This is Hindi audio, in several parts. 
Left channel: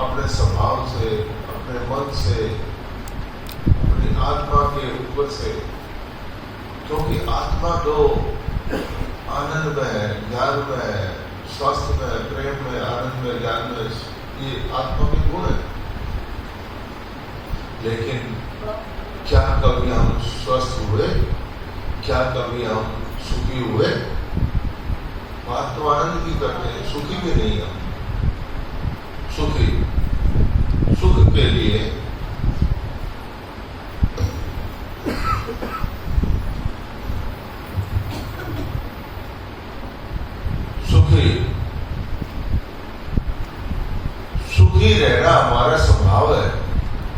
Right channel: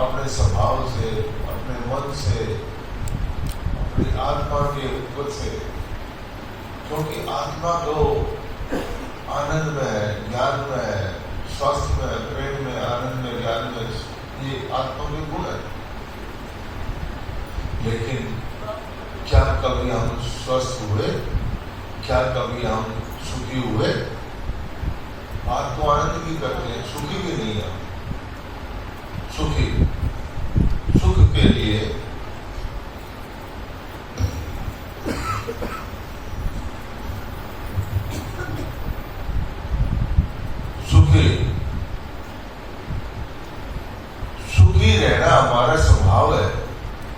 अपने स्वभाव से, अपने मन से, अपनी आत्मा के ऊपर से, क्योंकि आत्मा तो आनंद में है, ज्ञान में है, स्वास्थ्य में है, प्रेम में, आनंद में, ज्ञान में, ये आत्मा के गुण है। लेकिन क्या कभी हम स्वस्थ हुए? क्या कभी हम सुखी हुए? बात तो आनंद की करते हैं, सुखी भी नहीं है। सुख के लिए सुखी रहना हमारा स्वभाव है।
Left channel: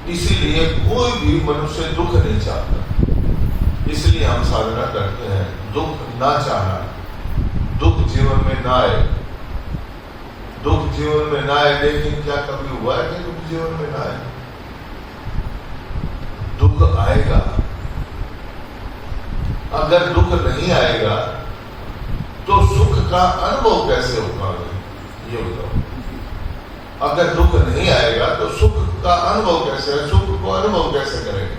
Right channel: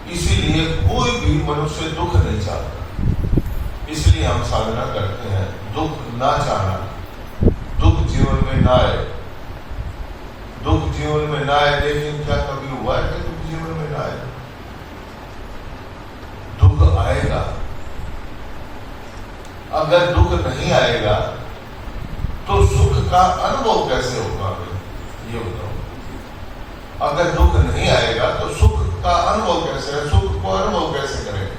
इसीलिए कोई भी मनुष्य दुख नहीं चाहता। इसलिए हम साधना करते हैं, दुख ना चाहना, दुख जीवन में ना आए, दुख जीवन में ना आए। लेकिन क्या कभी हुआ है कि दुख जीवन में ना आए? दुख आएगा। अगर दुख नहीं आएगा तो सुख का अनुभव कैसे होगा? ये बताओ। अगर दुख नहीं आएगा तो सुख का अनुभव कैसे है? सुख को अनुभव कैसे करेंगे?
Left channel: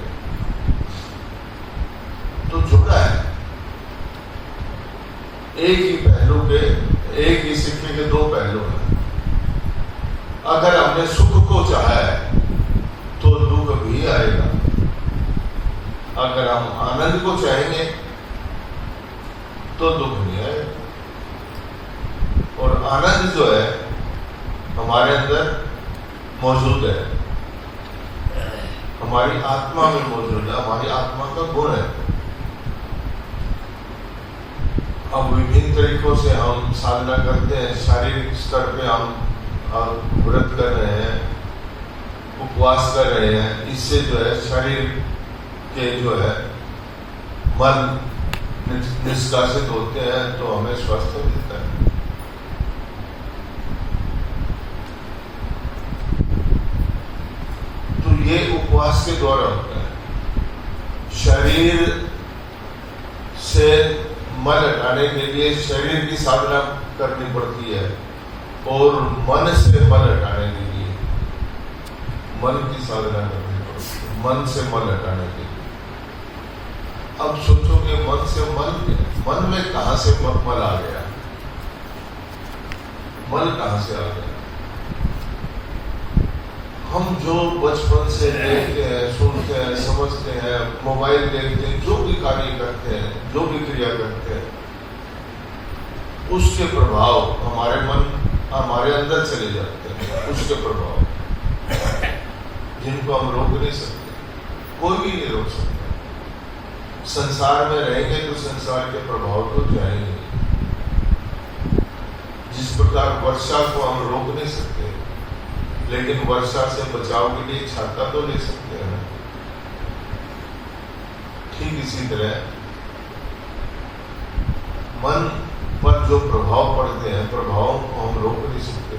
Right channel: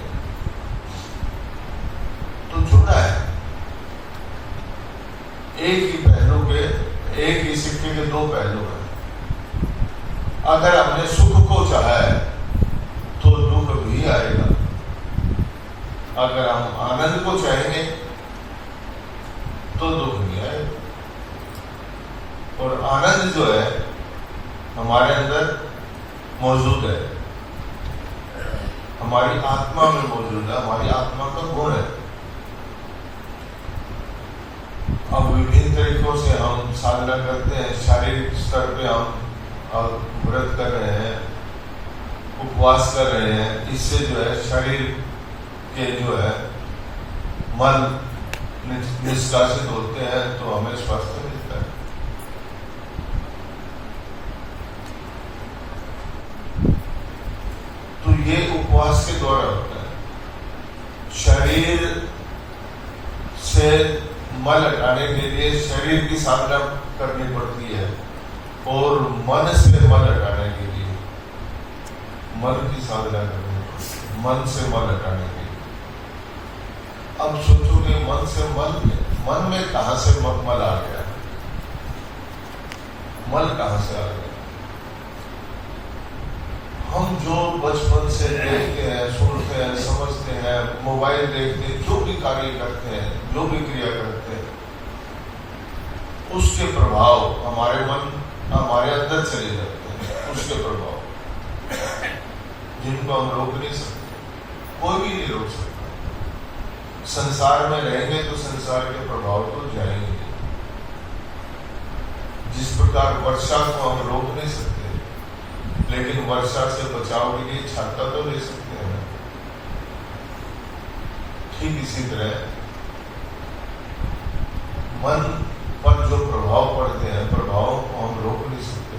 तो जुड़ा है। एक ही पहलू के, एक ही सिक्के के दो पहलू हैं। अगर हमने सुख को चाहा है तो दुख भी आएगा। अगर हम आनंद को चाहेंगे तो दुख नहीं आएगा। और आनंद जो है हमारे अंदर मौजूद है, हमारी आत्मा में मौजूद है, हमारी आत्मा का गुण है। अब विभिन्न तरीकों से हम साधना करते हैं। शारीरिक स्तर पे हम व्रत कर रहे हैं, उपवास कर रहे हैं। इससे जो है शरीर के जो है मल निष्कासित होते हैं तो हमें स्वास्थ्य मिलता है। तो ये उपवास के द्वारा होता है। शरीर से मल हटाने के लिए शरीर की साधना करनी पड़ती है और मन से मल हटाने के लिए मन की साधना करनी पड़ती है। मन से मल हटाने के लिए। अब सोचोगे मन से मन में कहां से मल आ गया? मल कहां से आ गया? हम जो बचपन से देखते हैं, सुनते हैं, समझते हैं, मोबाइल देखते हैं, जो भी कार्य करते हैं, जो भी क्रिया करते हैं, उसके प्रभाव हमारे अंदर चले जाते हैं। उसके प्रभाव जिनको हम रोक नहीं सकते, कोई भी नहीं रोक सकता। संसार में रहेंगे तो संसार के प्रभाव तो जाएंगे। जिस प्रकार वर्षा को हम रोक नहीं सकते, लेकिन वर्षा से बचाव के लिए छाता तो ले सकते हैं। ठीक इसी तरह मन पर जो प्रभाव पड़ते हैं, प्रभावों को हम रोक नहीं सकते,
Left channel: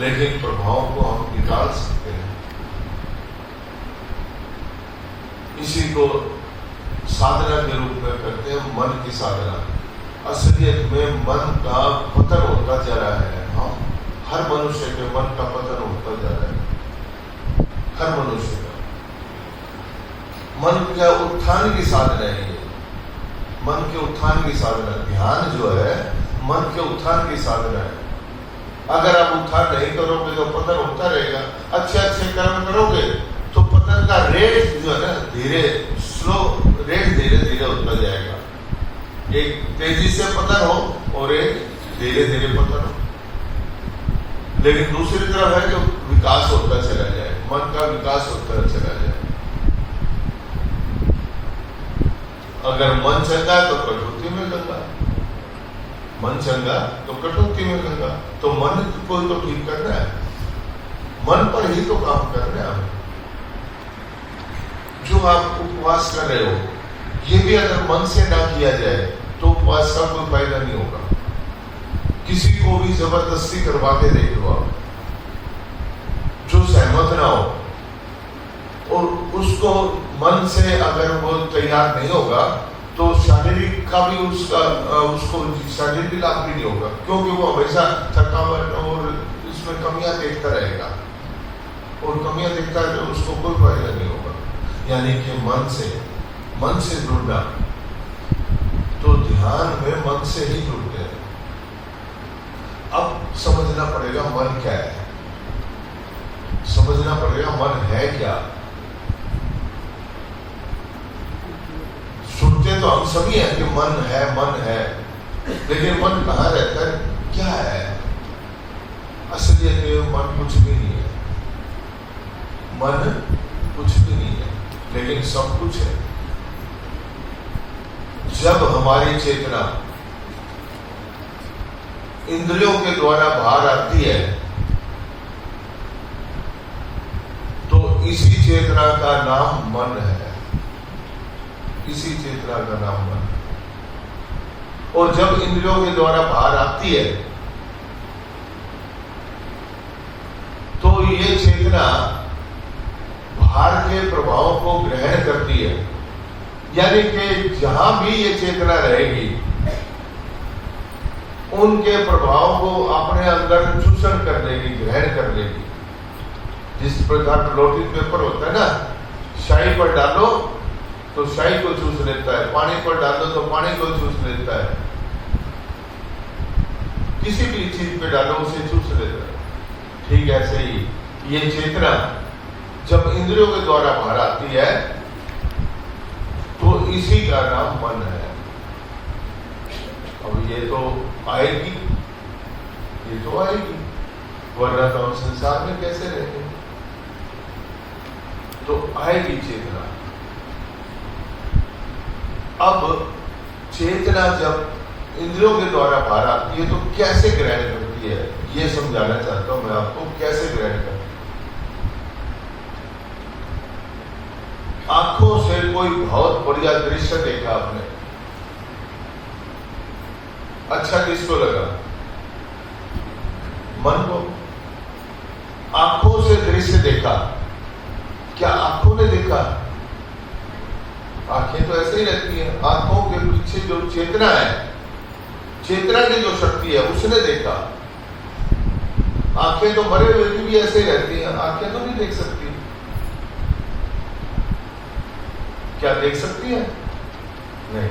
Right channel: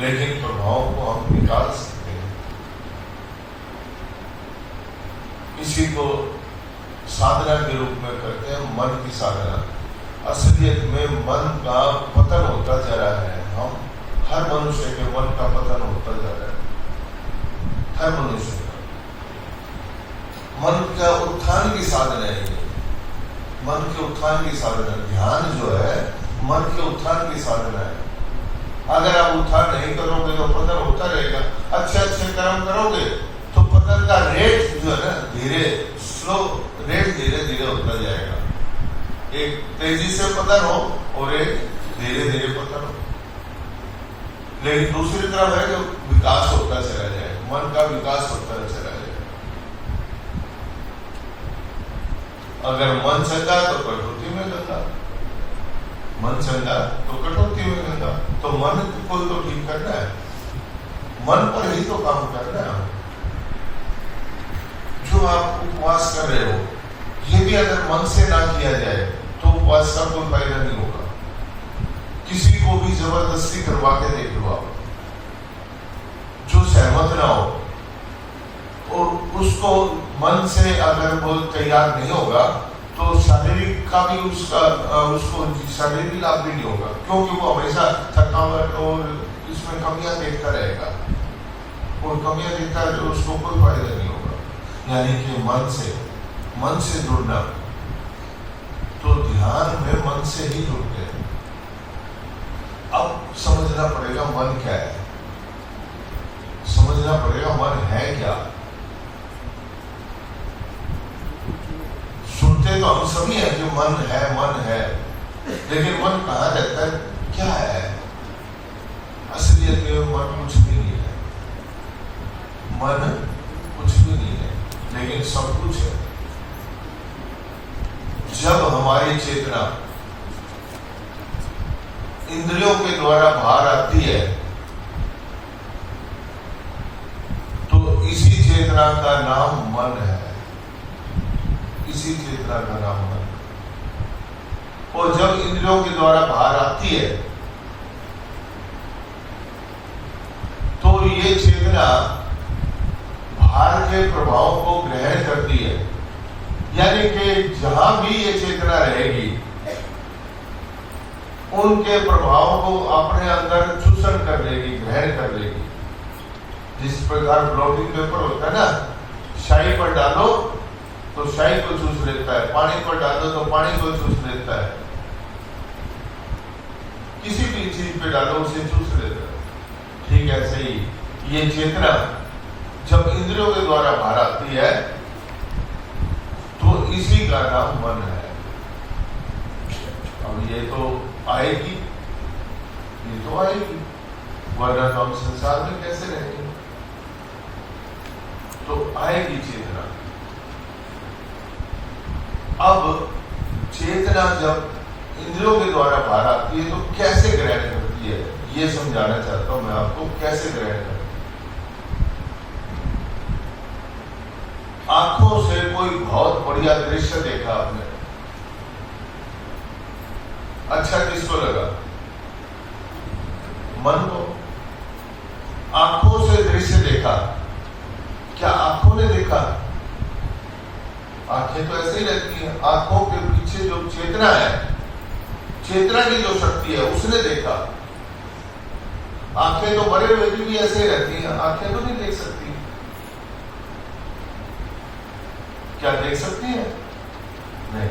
लेकिन प्रभावों को हम निकाल सकते हैं। इसी को साधना के रूप में करते हैं, मन की साधना। असलियत में मन का पतन होता जा रहा है। हम हर मनुष्य के मन का पतन होता जा रहा है। हर मनुष्य का मन का उत्थान की साधना है। मन के उत्थान की साधना, ध्यान जो है मन के उत्थान की साधना है। अगर आप उत्थान नहीं करोगे तो पतन होता रहेगा। अच्छे अच्छे कर्म करोगे तो पतन का रेट जो है ना धीरे स्लो रेट धीरे धीरे होता जाएगा। एक तेजी से पतन हो और एक धीरे धीरे पतन हो। लेकिन दूसरी तरफ है कि विकास होता चला जाए, मन का विकास होता चला जाए। अगर मन चंगा तो कटौती में गंगा, मन चंगा तो कटौती में गंगा। तो मन को तो ठीक करना है, मन पर ही तो काम करना है। जो आप उपवास कर रहे हो, ये भी अगर मन से ना किया जाए तो उपवास का कोई फायदा नहीं होगा। किसी को भी जबरदस्ती करवा के देख लो आप, जो सहमत ना हो और उसको मन से अगर वो तैयार नहीं होगा तो शारीरिक का भी उसको शारीरिक लाभ भी नहीं होगा, क्योंकि वो हमेशा थकावट और इसमें कमियां देखता रहेगा। और कमियां देखता है तो उसको कोई फायदा नहीं होगा। यानी कि मन से जुड़ना, तो ध्यान में मन से ही जुड़ते हैं। अब समझना पड़ेगा मन क्या है, समझना पड़ेगा मन है क्या। सुनते तो हम सभी हैं कि मन है, लेकिन मन कहाँ रहता है, क्या है? असलियत में मन कुछ भी नहीं है, मन कुछ भी नहीं है, लेकिन सब कुछ है। जब हमारी चेतना इंद्रियों के द्वारा बाहर आती है, तो इसी चेतना का नाम मन है, इसी चेतना का नाम मन। और जब इंद्रियों के द्वारा बाहर आती है, तो ये चेतना बाहर के प्रभावों को ग्रहण करती है। यानी कि जहां भी ये चेतना रहेगी, उनके प्रभावों को अपने अंदर चूषण कर लेगी, ग्रहण कर लेगी। जिस प्रकार फ्लोटिंग पेपर होता है ना, शाही पर डालो तो शाही को चूस लेता है, पानी पर डालो तो पानी को चूस लेता है, किसी भी चीज पे डालो उसे चूस लेता है। ठीक ऐसे ही ये चेतना जब इंद्रियों के द्वारा बाहर आती है, तो इसी का नाम मन है। अब ये तो आएगी, वरना तो हम संसार में कैसे रहेंगे? तो आएगी चेतना। अब चेतना जब इंद्रियों के द्वारा बाहर आती है, तो कैसे ग्रहण करती है, ये समझाना चाहता हूं मैं आपको, कैसे ग्रहण करती है। आंखों से कोई बहुत बढ़िया दृश्य देखा आपने, अच्छा किसको लगा? मन को। आंखों से दृश्य देखा, क्या आंखों ने देखा? आंखें तो ऐसे ही रहती हैं। आंखों के पीछे जो चेतना है, चेतना की जो शक्ति है, उसने देखा। आंखें तो मरे हुए की भी ऐसे ही रहती हैं, आंखें तो नहीं देख सकती। क्या देख सकती है? नहीं।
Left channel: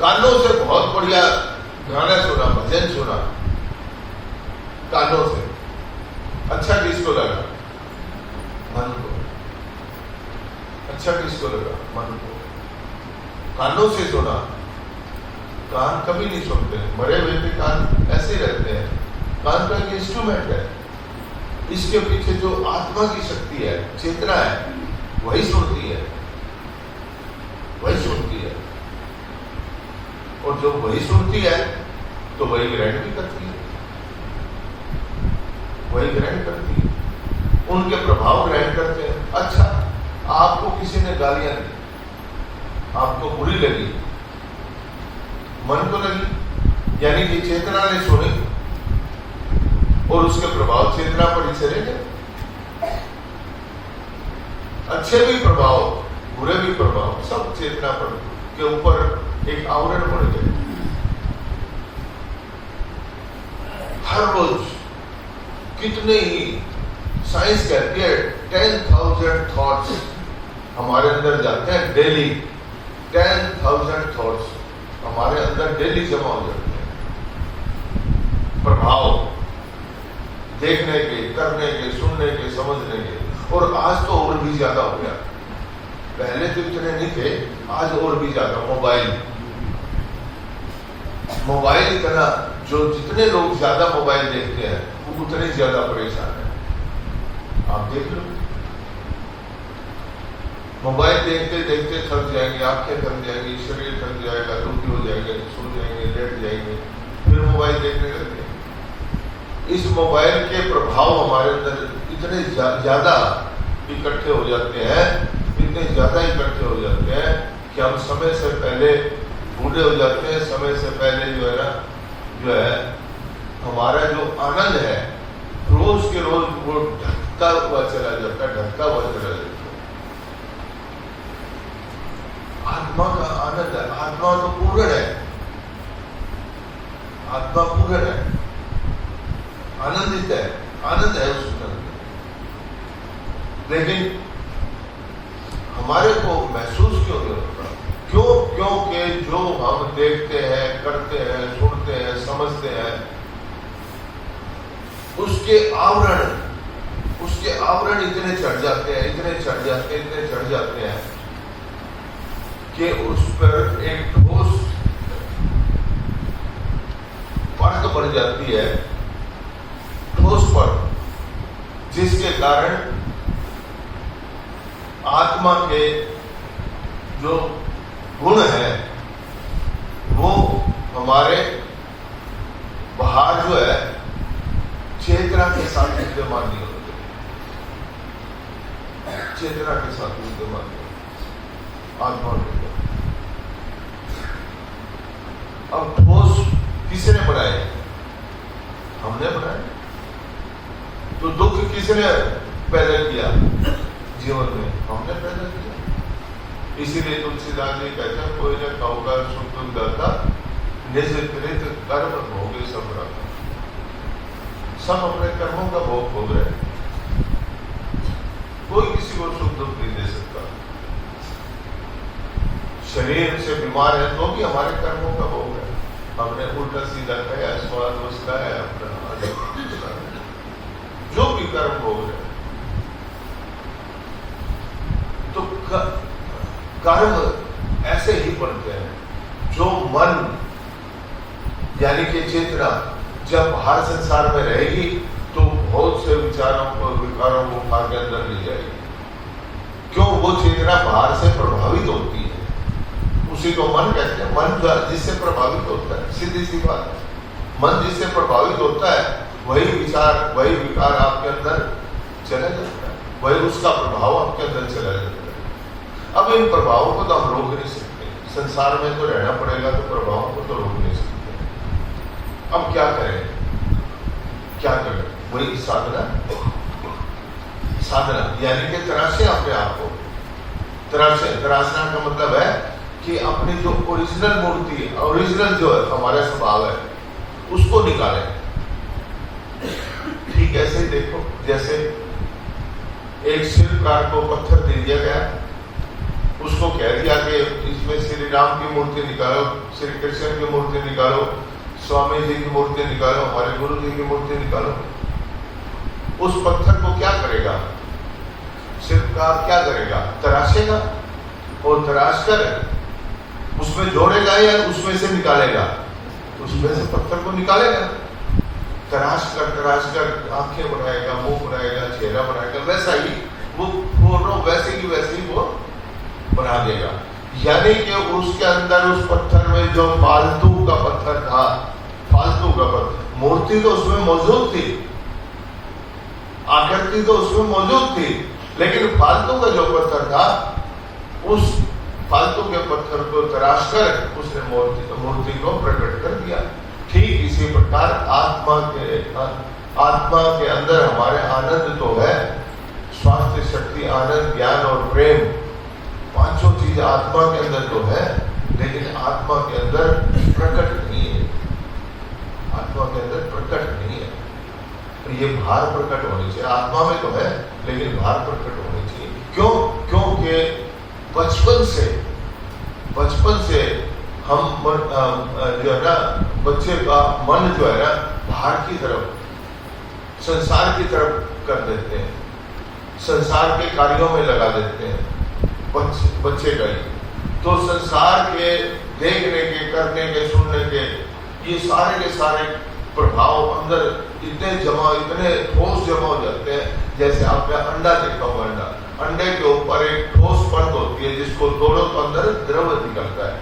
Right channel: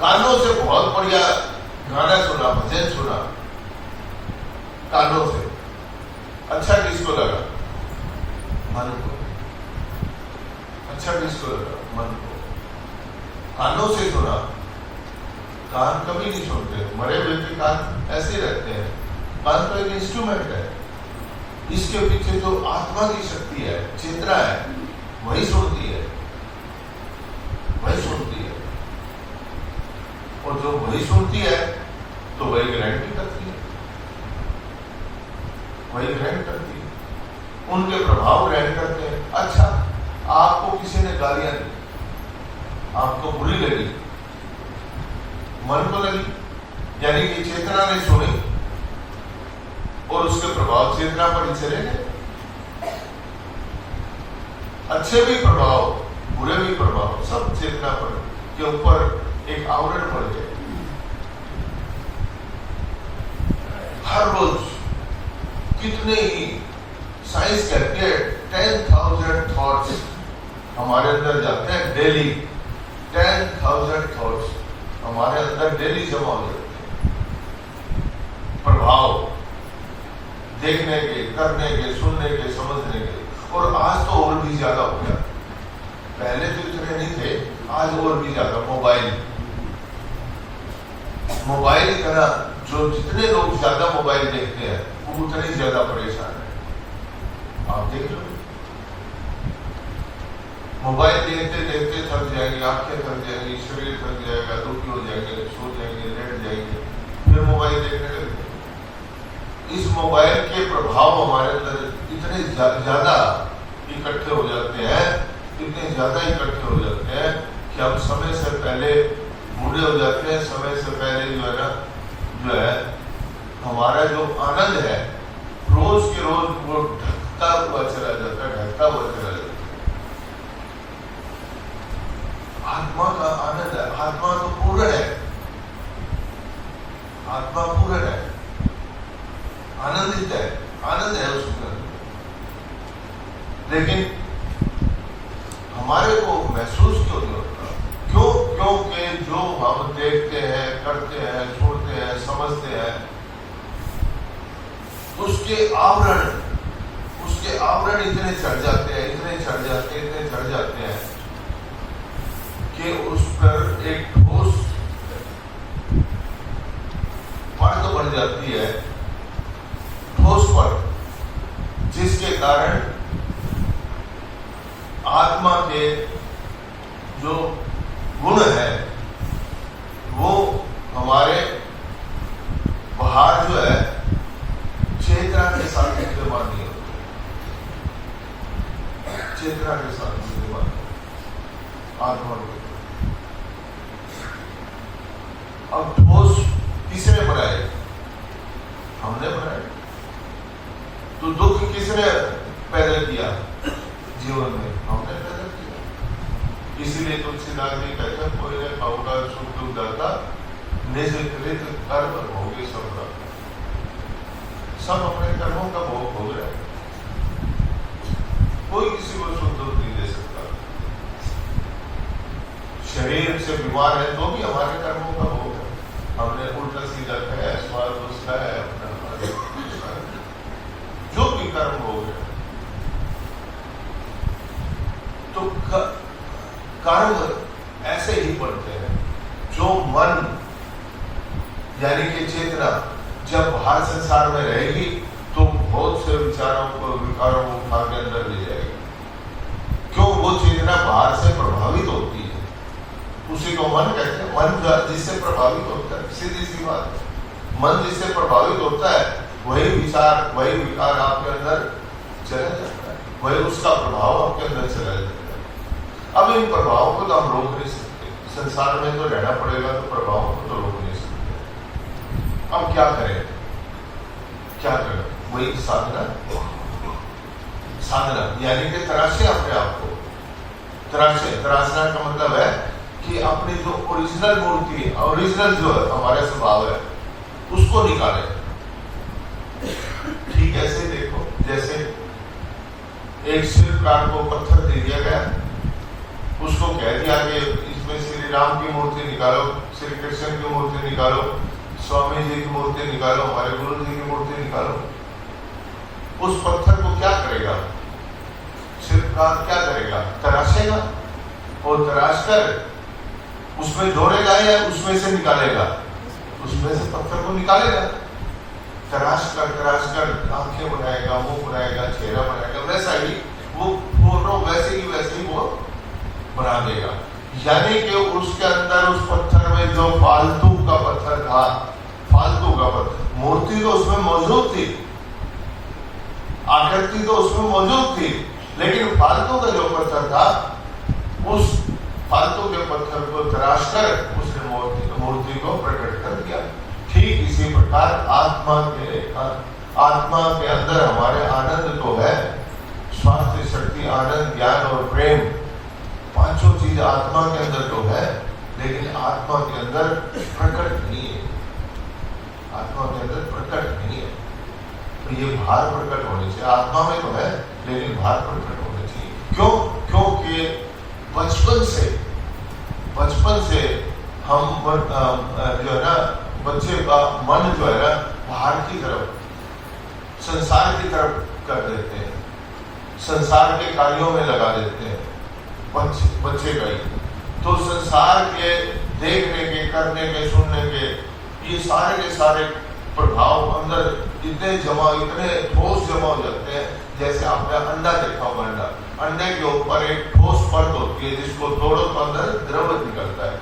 कानों से बहुत बढ़िया गाना सुना, भजन सुना, कानों से अच्छा किसको लगा? मन को। अच्छा किसको लगा? मन को। कानों से सुना, कान कभी नहीं सुनते, मरे हुए के कान ऐसे ही रहते हैं। कान तो एक इंस्ट्रूमेंट है, इसके पीछे जो आत्मा की शक्ति है, चेतना है, वही सुनती है, वही सुनती है। और जब वही सुनती है, तो वही ग्रहण भी करती है, वही ग्रहण करती है, उनके प्रभाव ग्रहण करते हैं। अच्छा, आपको किसी ने गालियां दी, आपको बुरी लगी, मन को लगी, यानी कि चेतना ने सुनी और उसके प्रभाव चेतना पर ही चले गए। अच्छे भी प्रभाव, बुरे भी प्रभाव, सब चेतना पर के ऊपर एक आवरण पड़ जाए। हर रोज कितने ही, साइंस कहती है 10,000 थॉट्स हमारे अंदर जाते हैं डेली। 10,000 थॉट्स हमारे अंदर डेली जमा हो जाते हैं। प्रभाव देखने के, करने के, सुनने के, समझने के। और आज तो और भी ज्यादा हो गया, पहले तो इतने नहीं थे, आज और भी ज्यादा। मोबाइल का ना, जो जितने लोग ज्यादा मोबाइल देखते हैं, वो उतने ज्यादा परेशान है। आप देख लो, मोबाइल देखते देखते थक जाएंगे, आंखें थक जाएंगी, शरीर थक जाएगा, दुखी हो जाएंगे, सो जाएंगे, लेट जाएंगे, फिर मोबाइल देखने लगते। इस मोबाइल के प्रभाव हमारे अंदर इतने ज्यादा इकट्ठे हो जाते हैं, इतने ज्यादा इकट्ठे हो जाते हैं कि हम समय से पहले बूढ़े हो जाते हैं। समय से पहले जो है हमारा जो आनंद है, रोज के रोज वो ढकता हुआ चला जाता है, ढकता हुआ चला जाता है। आत्मा का आनंद है, आत्मा तो पूर्ण है, आत्मा पूर्ण है, आनंदित है, आनंद है उसमें। लेकिन हमारे को महसूस क्यों नहीं होता? क्यों? क्योंकि जो हम देखते हैं, करते हैं, सुनते हैं, समझते हैं, उसके आवरण इतने चढ़ जाते हैं, इतने चढ़ जाते हैं कि उस पर एक ठोस परत बन जाती है, ठोस परत, जिसके कारण आत्मा के जो गुण है वो हमारे बाहर जो है चेतना के साथ विद्यमान नहीं होते, चेतना के साथ विद्यमान आत्मा में। अब ठोस किसने बनाए? हमने बनाए। तो दुख किसने पैदा किया जीवन में? हमने पैदा किया। इसलिए तुलसीदास जी कहते हैं, कोई न खाऊगा सुख दाता, निज कृत कर्म भोगे सब दाता। सब अपने कर्मों का भोग भोग रहे हैं, कोई किसी को सुख दुख नहीं दे सकता। शरीर से बीमार है तो भी हमारे कर्मों का भोग है। हमने उल्टा सीधा खाया, स्वाद उसका है, अपना जो भी कर्म भोग है। तो कर्म ऐसे ही बनते हैं। जो मन यानी कि चेतना जब बाहर संसार में रहेगी तो बहुत से विकारों को भाग अंदर ले जाएगी। क्यों? वो चेतना बाहर से प्रभावित होती है, उसी को मन कहते हैं। मन जिससे प्रभावित होता है, सीधी सी बात है। मन जिससे प्रभावित होता है वही विचार, वही विकार आपके अंदर चला जाता है, वही उसका प्रभाव आपके अंदर चला जाता है। अब इन प्रभावों को तो हम रोक नहीं सकते, संसार में तो रहना पड़ेगा, तो प्रभावों को तो रोक नहीं सकते। अब क्या करें? क्या करें? वही साधना यानी कि तराशे अपने आप को। तराशना का मतलब है कि अपनी जो ओरिजिनल मूर्ति है, ओरिजिनल जो है हमारा स्वभाव है, उसको निकालें। ठीक ऐसे देखो, जैसे एक शिल्पकार को पत्थर दे दिया गया, उसको कह दिया कि इसमें श्री राम की मूर्ति निकालो, श्री कृष्ण की मूर्ति निकालो, स्वामी जी की मूर्ति निकालो, हमारे गुरु जी की मूर्ति निकालो। उस पत्थर को क्या करेगा शिल्पकार? क्या करेगा? तराशेगा, और तराश कर उसमें जोड़ेगा या उसमें से निकालेगा? उसमें से पत्थर को निकालेगा। तराश कर आंखें बनाएगा, मुंह बनाएगा, चेहरा बनाएगा, वैसा ही वो फोटो वैसे ही वो बना देगा। यानी कि उसके अंदर उस पत्थर में जो फालतू का पत्थर था, फालतू का पत्थर, मूर्ति तो उसमें मौजूद थी, आकृति तो उसमें मौजूद थी, लेकिन फालतू का जो पत्थर था, उस फालतू के पत्थर को तराश कर उसने मूर्ति को प्रकट कर दिया। ठीक इसी प्रकार आत्मा के अंदर हमारे आनंद तो है, स्वास्थ्य, शक्ति, आनंद, ज्ञान और प्रेम, पांचों चीजें आत्मा के अंदर तो है, लेकिन आत्मा के अंदर प्रकट नहीं है। आत्मा के अंदर प्रकट नहीं है। तो ये बाहर प्रकट होने चाहिए। आत्मा में तो है, लेकिन बाहर प्रकट होने चाहिए। क्यों? क्योंकि बचपन से हम जो है ना, बच्चे का मन जो है ना बाहर की तरफ, संसार की तरफ कर देते हैं, संसार के कार्यों में लगा देते हैं बच्चे का ही। तो संसार के देखने के, करने के, सुनने के, ये सारे के सारे प्रभाव अंदर इतने ठोस जमा हो जाते हैं। जैसे आपने अंडा देखा होगा, अंडे के ऊपर एक ठोस परत होती है, जिसको तोड़ो तो अंदर द्रव निकलता है,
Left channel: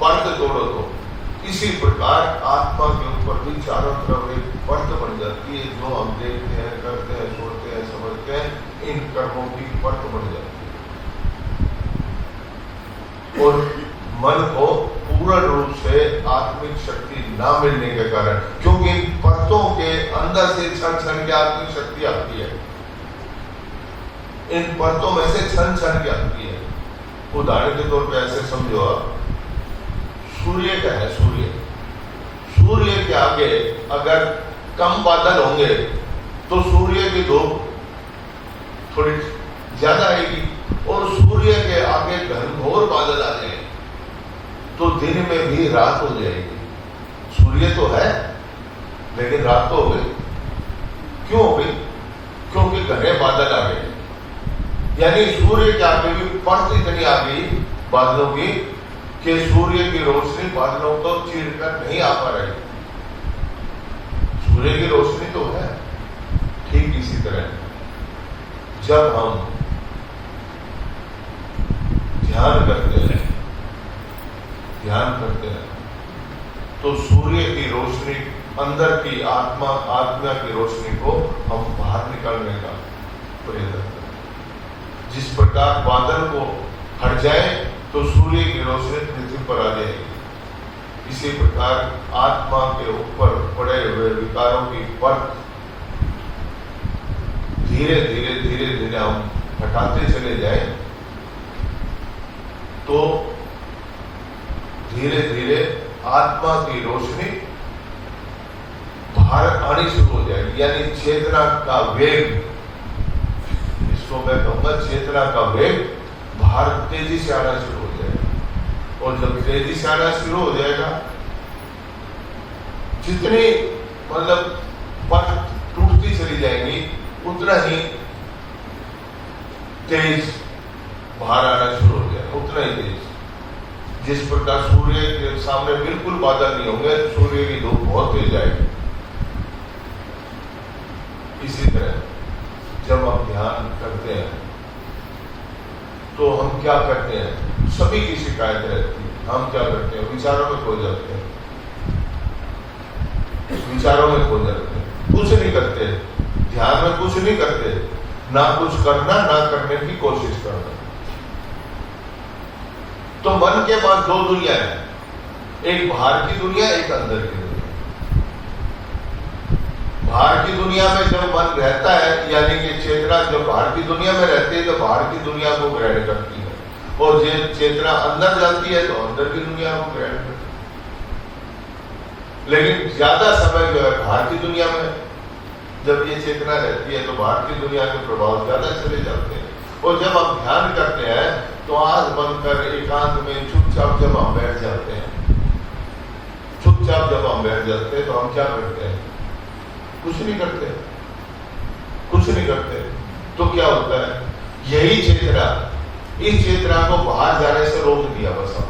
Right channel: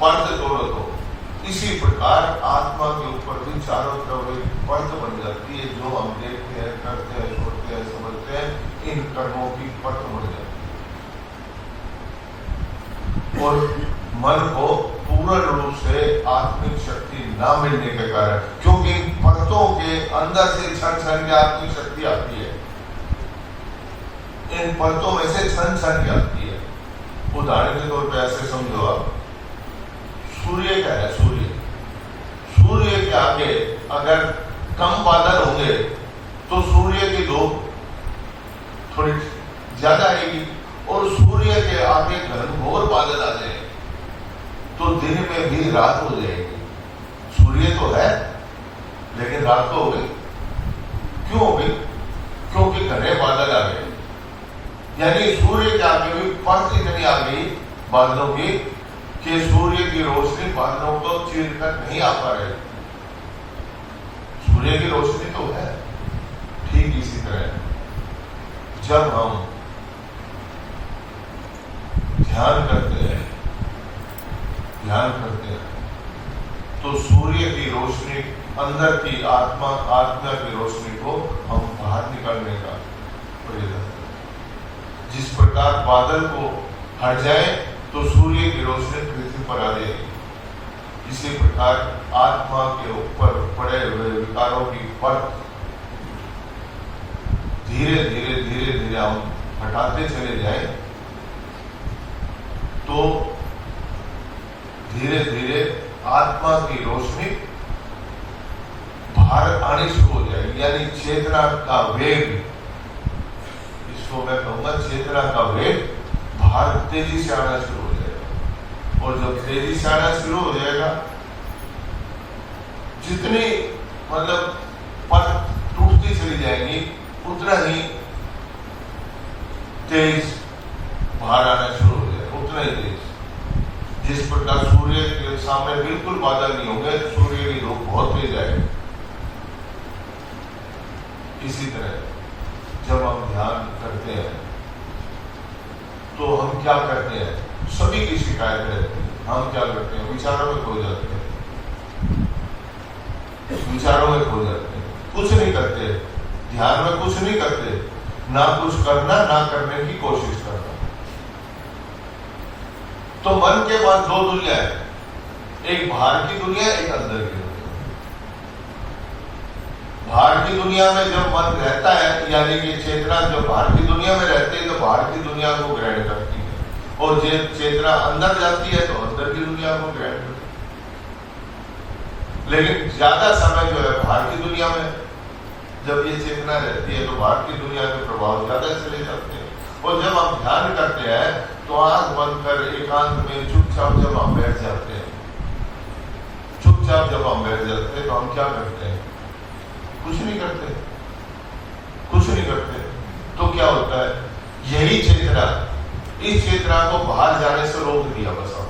परत तोड़ो तो। इसी प्रकार आत्मा के ऊपर भी चारों तरफ एक परत बन जाती है, जो हम देखते हैं, करते हैं, सुनते हैं, समझते हैं, इन कर्मों की परत बन जाती है। और मन को पूर्ण रूप से आत्मिक शक्ति ना मिलने के कारण, क्योंकि परतों के अंदर से क्षण की आत्मिक शक्ति आती है, इन परतों में से क्षण की आती है। उदाहरण के तौर पर ऐसे समझो, आप सूर्य का है, सूर्य के आगे अगर कम बादल होंगे तो सूर्य की धूप थोड़ी ज्यादा आएगी और सूर्य के आगे घनघोर बादल आ जाए तो दिन में भी रात हो जाएगी। सूर्य तो है लेकिन रात तो हो गई। क्यों हो गई? क्योंकि घने बादल आ गए, यानी सूर्य के आगे भी परत इतनी आ गई बादलों की कि सूर्य की रोशनी बादलों को चीर कर नहीं आ पा रही। सूर्य की रोशनी तो है। ठीक इसी तरह जब हम ध्यान करते हैं तो सूर्य की रोशनी अंदर की आत्मा की रोशनी को हम बाहर निकालने का प्रयास करते हैं। जिस प्रकार बादल को हट जाए तो सूर्य की रोशनी पृथ्वी पर आ जाएगी, इसी प्रकार आत्मा के ऊपर पड़े हुए विकारों की परत धीरे धीरे हम हटाते चले जाए तो धीरे धीरे आत्मा की रोशनी बाहर आनी शुरू हो जाएगी। यानी चेतना का वेग, इसको मैं कहूंगा चेतना का वेग बाहर तेजी से आना शुरू हो जाएगा। और जब तेजी से आना शुरू हो जाएगा, जितनी मतलब परत टूटती चली जाएगी उतना ही तेज बाहर आना शुरू हो जाएगा, उतना ही तेज। जिस प्रकार सूर्य के सामने बिल्कुल बादल नहीं होंगे, सूर्य की धूप बहुत तेज आएगी। इसी तरह जब हम ध्यान करते हैं तो हम क्या करते हैं? सभी की शिकायत रहती है। हम क्या करते हैं? विचारों में खो जाते हैं, विचारों में खो जाते हैं, कुछ नहीं करते, ध्यान में कुछ नहीं करते, ना कुछ करना ना करने की कोशिश करना। तो मन के पास दो दुनिया है, एक बाहर की दुनिया, एक अंदर की दुनिया। बाहर की दुनिया में जब मन रहता है, यानी कि चेतना जब बाहर की दुनिया में रहती है तो बाहर की दुनिया को ग्रहण करती है, और जब चेतना अंदर जाती है तो अंदर की दुनिया को ग्रहण करती है। लेकिन ज्यादा समय जो है बाहर की दुनिया में जब ये चेतना रहती है तो बाहर की दुनिया के प्रभाव ज्यादा चले जाते हैं। और जब हम ध्यान करते हैं तो आंख बंद कर एकांत में चुपचाप जब हम बैठ जाते हैं, चुपचाप जब हम बैठ जाते हैं तो हम क्या करते हैं? कुछ नहीं करते, कुछ नहीं करते। तो क्या होता है? यही चेतना, इस चेतना को बाहर जाने से रोक दिया बस हम,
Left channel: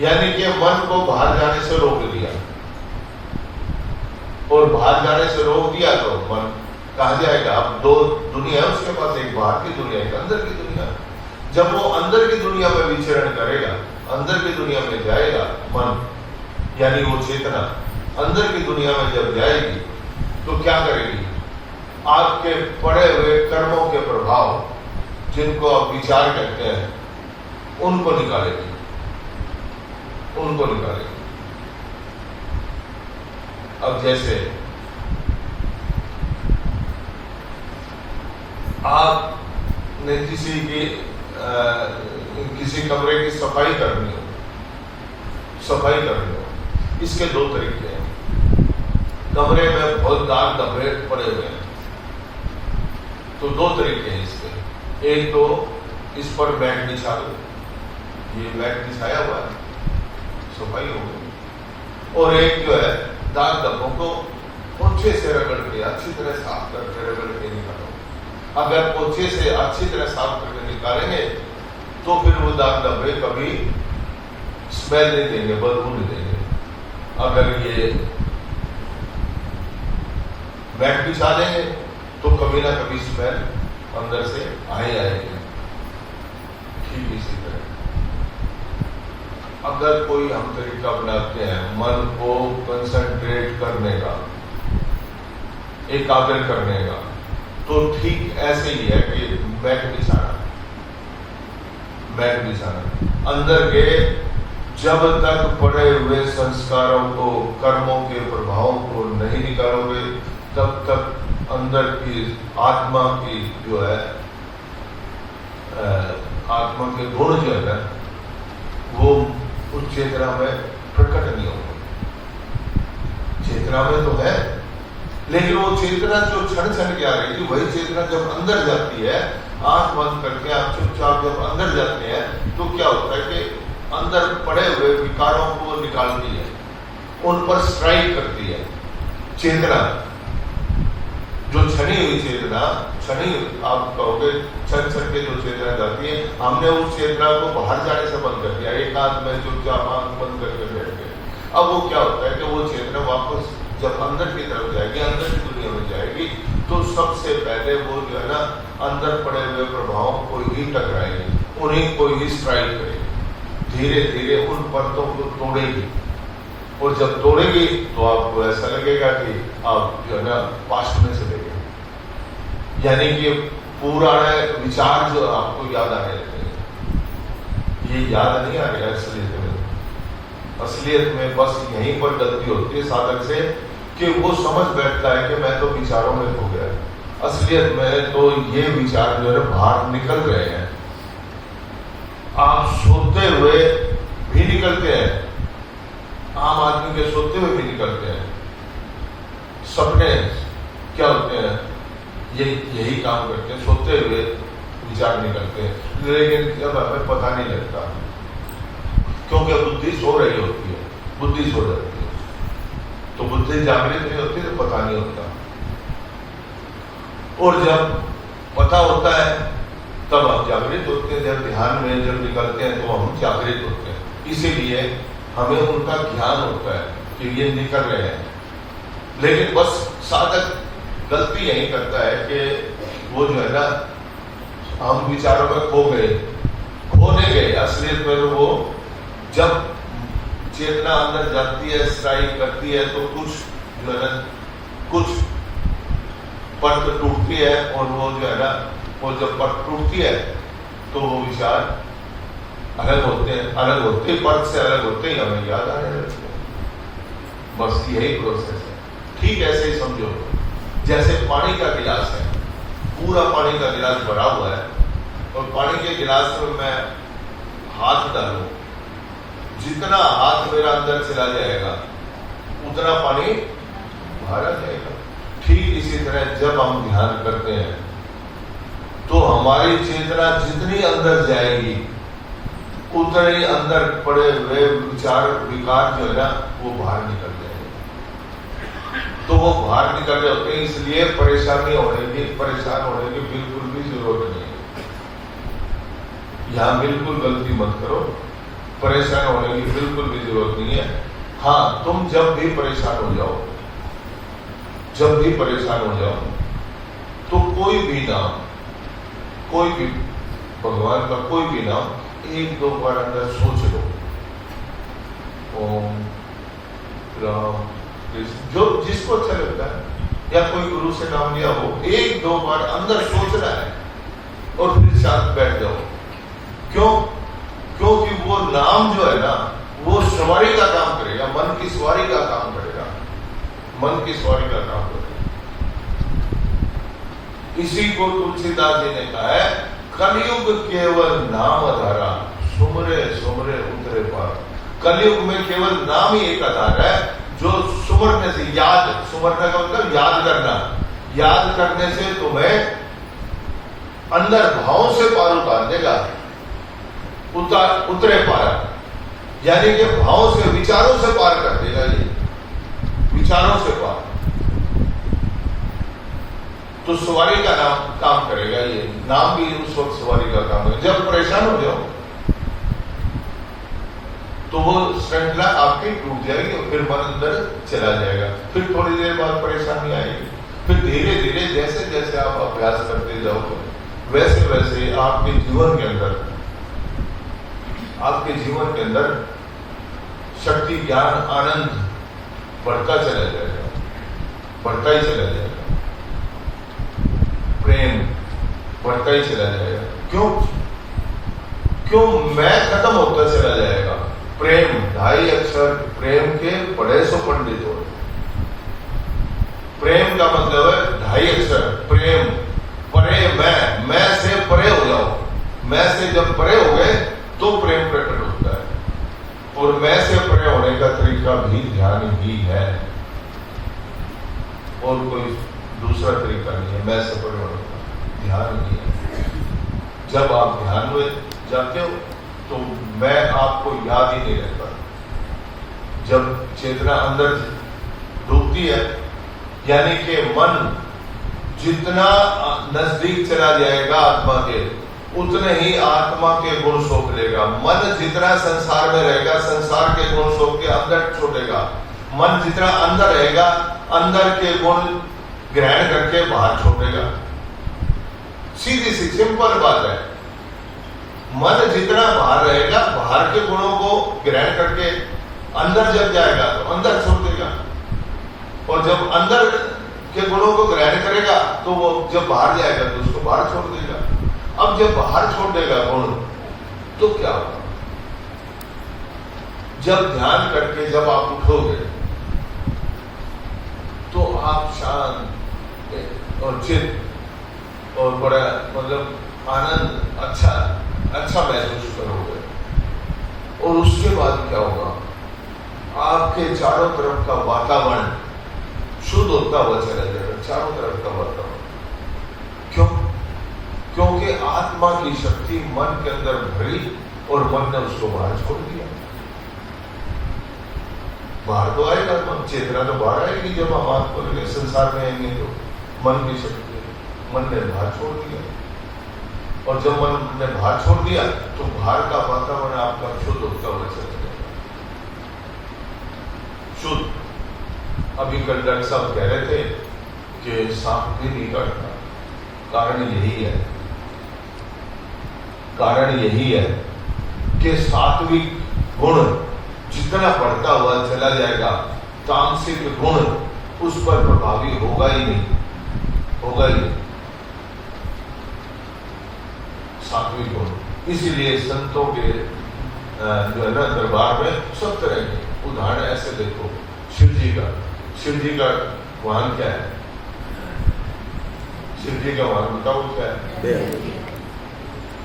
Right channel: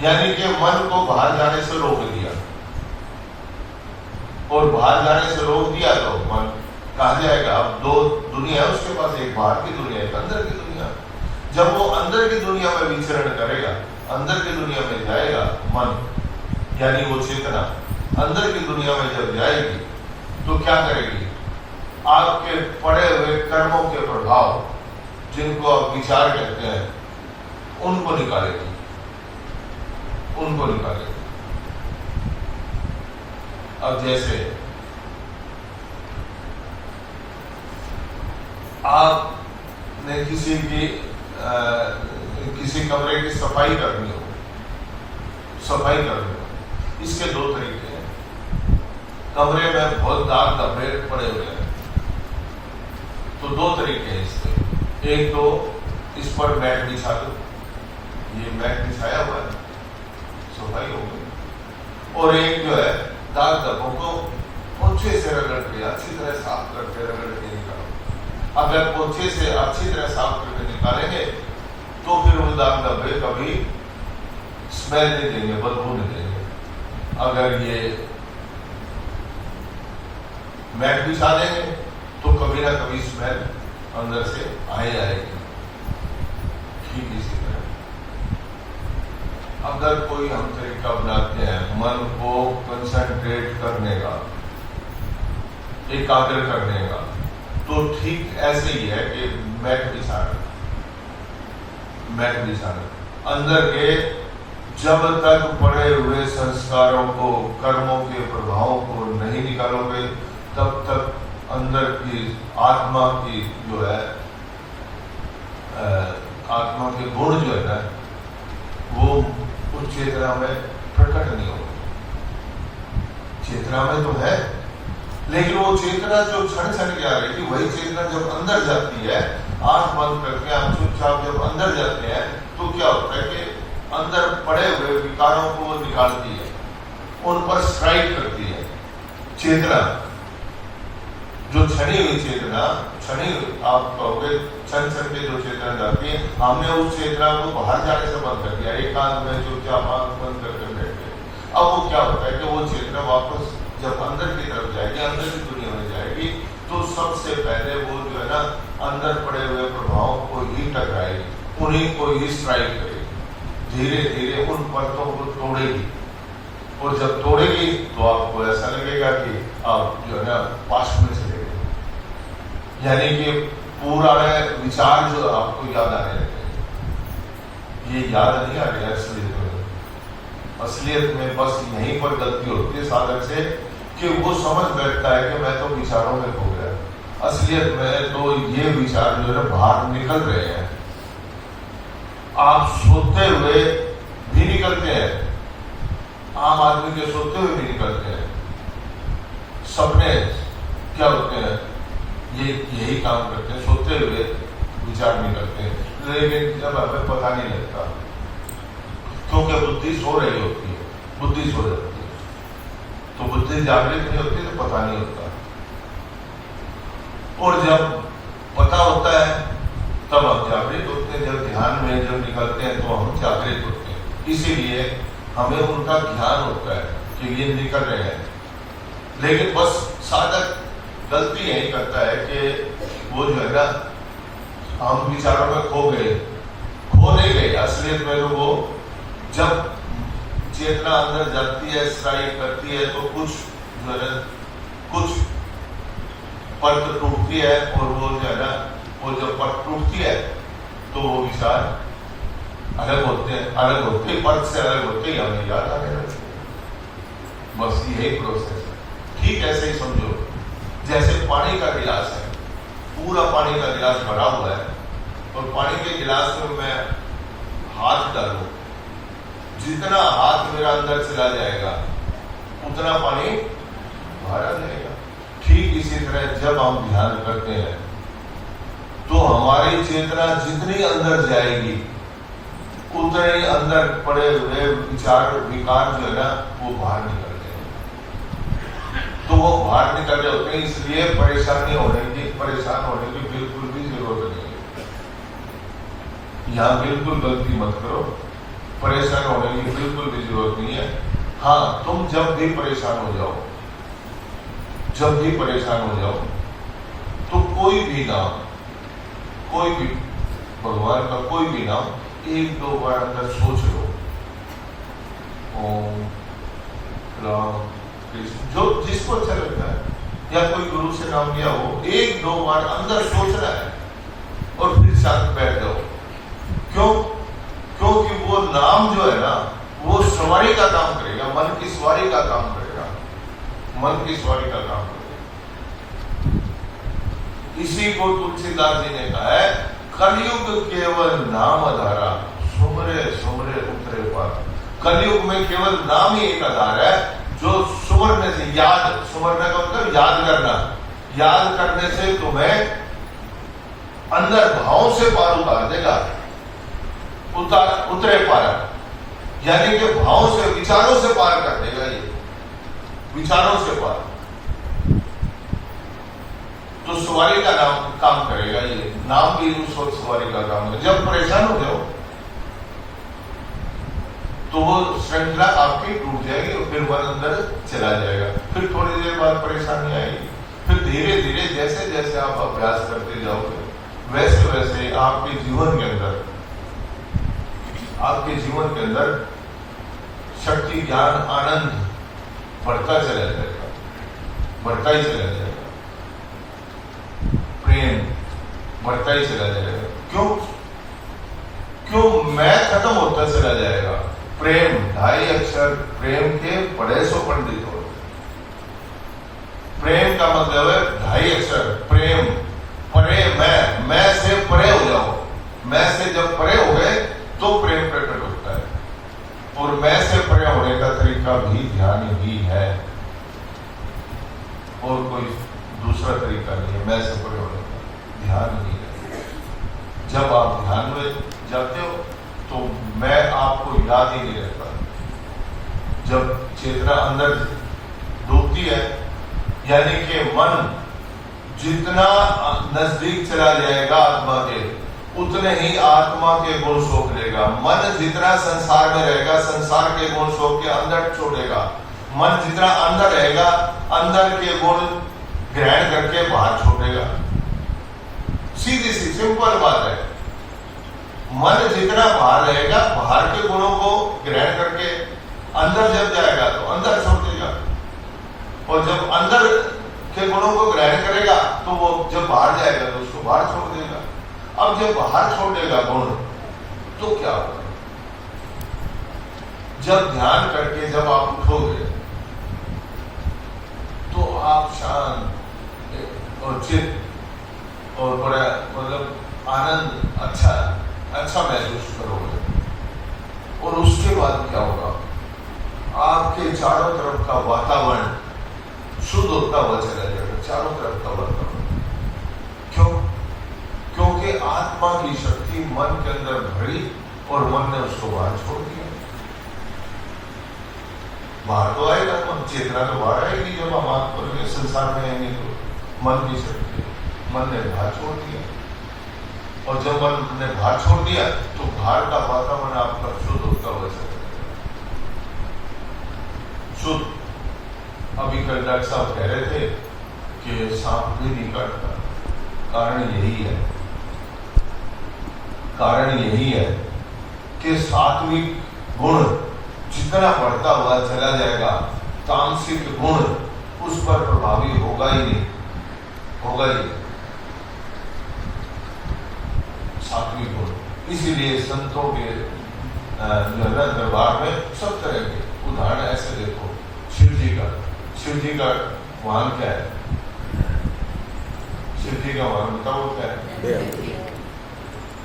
यानी कि मन को बाहर जाने से रोक दिया, और बाहर जाने से रोक दिया तो मन कहा जाएगा? अब दो दुनिया है उसके पास, एक बाहर की दुनिया, एक अंदर की दुनिया। जब वो अंदर की दुनिया में विचरण करेगा, अंदर की दुनिया में जाएगा मन, यानी वो चेतना अंदर की दुनिया में जब जाएगी तो क्या करेगी? आपके पड़े हुए कर्मों के प्रभाव, जिनको आप विचार कहते हैं, उनको निकालेगी, उनको निकालेगी। अब जैसे आपने किसी कमरे की सफाई करनी हो, इसके दो तरीके हैं। कमरे में बहुत दाग धब्बे पड़े हुए हैं तो दो तरीके हैं इसके। एक तो इस पर मैट बिछा दो, ये मैट बिछाया हुआ है, सफाई हो गई। और एक जो है दाग धब्बों को पोछे से रगड़ के अच्छी तरह साफ करके रगड़ के निकालो। अगर पोछे से अच्छी तरह साफ करके निकालेंगे तो फिर वो दाग धब्बे कभी स्मेल नहीं देंगे, बदबू नहीं देंगे। अगर ये मैट बिछा देंगे तो कभी ना कभी स्मेल अंदर से आएगी। ठीक इसी तरह अगर कोई हम तरीका बनाते हैं मन को कंसंट्रेट करने का, एकाग्र करने का, तो ठीक ऐसे ही है कि मैट बिछाना अंदर के जब तक पड़े हुए संस्कारों को, कर्मों के प्रभावों को नहीं निकालोगे तब तक अंदर की आत्मा की जो है आत्मा के गुण जो है वो उस चेतना में प्रकट नहीं होगा। चेतना में तो है लेकिन वो चेतना जो क्षण क्षण की आ रही थी, वही चेतना जब अंदर जाती है, आंख बंद करके आप चुपचाप जब अंदर जाते हैं, तो क्या होता है कि अंदर पड़े हुए विकारों को निकालती है, उन पर स्ट्राइक करती है चेतना। जो क्षणी हुई चेतना, क्षणी आप कहोगे क्षण क्षण की जो चेतना जाती है, हमने उस चेतना को बाहर जाने से बंद कर दिया, एकांत में चुपचाप आंख बंद करके बैठे। अब वो क्या होता है कि वो चेतना वापस जब अंदर की तरफ जाएगी, अंदर की दुनिया में जाएगी, तो सबसे पहले वो जो है ना अंदर पड़े हुए प्रभाव को ही टकराएगी, उन्हीं को ही स्ट्राइक करेगी, धीरे धीरे उन परतों को तोड़ेगी। और जब तोड़ेगी तो आपको ऐसा लगेगा कि आप जो है ना पास्ट में चले गए, यानी कि पुराने विचार जो आपको याद आने लगेंगे। ये याद नहीं आ रहा असलियत में। असलियत में बस यहीं पर गलती होती है साधक से कि वो समझ बैठता है कि मैं तो विचारों में खो गया। असलियत में तो ये विचार जो है बाहर निकल रहे हैं, आप सोते हुए भी निकलते हैं, आम आदमी के सोते हुए भी निकलते हैं। सपने क्या होते हैं, ये यही काम करते हैं, सोते हुए विचार निकलते हैं, लेकिन जब हमें पता नहीं लगता, क्योंकि बुद्धि सो रही होती है, बुद्धि सो जाती है, तो बुद्धि जागृत नहीं होती तो पता नहीं होता। और जब पता होता है तब हम जागृत होते हैं, जब ध्यान में जब निकलते हैं तो हम जागृत होते हैं। इसीलिए हमें उनका ज्ञान होता है कि ये निकल रहे हैं। लेकिन बस साधक गलती यही करता है कि वो जो है ना हम विचारों में खो गए, खो नहीं गए। असलियत में तो वो जब चेतना अंदर जाती है, स्ट्राइक करती है, तो कुछ जो है ना कुछ परत टूटती है, और वो जो है ना वो जब परत टूटती है तो वो विचार अलग होते हैं, अलग होते ही परत से अलग होते ही हमें याद आने लगते हैं। बस यही प्रोसेस है। ठीक ऐसे ही समझो, जैसे पानी का गिलास है, पूरा पानी का गिलास भरा हुआ है, और पानी के गिलास में मैं हाथ डालूं, जितना हाथ मेरा अंदर चला जाएगा उतना पानी बाहर आ जाएगा। ठीक इसी तरह जब हम ध्यान करते हैं तो हमारी चेतना जितनी अंदर जाएगी उतने ही अंदर पड़े हुए विचार विकार जो है ना वो बाहर निकल जाएंगे। तो वो बाहर निकल जाते हैं, इसलिए परेशान होने की बिल्कुल भी जरूरत नहीं है। यहां बिल्कुल गलती मत करो, परेशान होने की बिल्कुल भी जरूरत नहीं है। हाँ, तुम जब भी परेशान हो जाओ, तो कोई भी नाम, कोई भी भगवान का कोई भी नाम एक दो बार अंदर सोच लो। ओम राम कृष्ण, जो जिसको अच्छा लगता है, या कोई गुरु से नाम लिया हो, एक दो बार अंदर सोचना है और फिर शांत बैठ जाओ। क्यों? क्योंकि वो नाम जो है ना वो सवारी का काम करेगा, मन की सवारी का काम करेगा, मन की सवारी का काम करेगा। इसी को तुलसीदास जी ने कहा है, कलयुग केवल नाम आधारा, सुमरे सुमरे उतरे पार। कलयुग में केवल नाम ही एक आधार है, जो सुमरने से, सुमरने का मतलब याद करना, याद करने से तुम्हें अंदर भाव से पार उतार देगा, उतरे पार, यानी कि भाव से, विचारों से पार कर देगा। ये विचारों से पार, तो सवारी का नाम काम करेगा। ये नाम भी उस वक्त सवारी का काम है। जब परेशान हो जाओ तो वो श्रृंखला आपकी टूट जाएगी और फिर मन अंदर चला जाएगा। फिर थोड़ी देर बाद परेशानी आएगी, फिर धीरे धीरे जैसे जैसे आप अभ्यास करते जाओगे वैसे वैसे आपके जीवन के अंदर शक्ति, ज्ञान, आनंद बढ़ता चला जाएगा, बढ़ता ही चला जाएगा। प्रेम बढ़ता ही चला जाएगा। क्यों मैं खत्म होता चला जाएगा। प्रेम, 2.5 अक्षर प्रेम के पढ़े सो पंडित हो। प्रेम का मतलब है 2.5 अक्षर प्रेम, परे मैं से परे हो जाओ। मैं से जब परे हो गए तो प्रेम प्रकट होता है। और मैं से परे होने का तरीका भी ध्यान ही है। और कोई दूसरा तरीका नहीं है। मैं से ध्यान नहीं है। जब आप ध्यान में जाते हो तो मैं आपको याद ही नहीं रहता। जब चेतना अंदर डूबती है, यानी कि मन जितना नजदीक चला जाएगा आत्मा के, उतने ही आत्मा के गुण सोख लेगा। मन जितना संसार में रहेगा, संसार के गुण सोख के अंदर छोड़ेगा। मन जितना अंदर रहेगा, अंदर के गुण ग्रहण करके बाहर छोड़ेगा। सीधी सी सिंपल बात है। मन जितना बाहर रहेगा, बाहर के गुणों को ग्रहण करके अंदर जब जाएगा तो अंदर छोड़ देगा, और जब अंदर के गुणों को ग्रहण करेगा तो वो जब बाहर जाएगा तो उसको बाहर छोड़ देगा। अब जब बाहर छोड़ देगा गुण तो क्या होगा? जब ध्यान करके जब आप उठोगे तो आप शांत और चित और बड़ा मतलब आनंद अच्छा महसूस करोगे। और उसके बाद क्या होगा? आपके चारों तरफ का वातावरण शुद्ध होता हुआ चला जाएगा। चारों तरफ का वातावरण क्यों? क्योंकि आत्मा की शक्ति मन के अंदर भरी और मन ने उसको बाहर छोड़ दिया। बाहर तो आएगा, चेतना तो बाहर आएगी जब हम आत्मा के संसार में आएंगे। तो मन की शक्ति मन ने बाहर छोड़ दिया, और जब मन ने बाहर छोड़ दिया तो बाहर का वातावरण आपका शुद्ध होता हुआ चला जाएगा। शुद्ध। अभी कल डॉक्टर साहब कह रहे थे कि सांप भी नहीं काटता। कारण यही है कि सात्विक गुण जितना बढ़ता हुआ चला जाएगा, तामसिक गुण उस पर प्रभावी होगा ही नहीं। सात्विक गुण। इसीलिए संतों के दरबार में सब तरह के उदाहरण ऐसे देखो। शिव जी का वाहन क्या है? शिव जी का वाहन बताओ क्या है?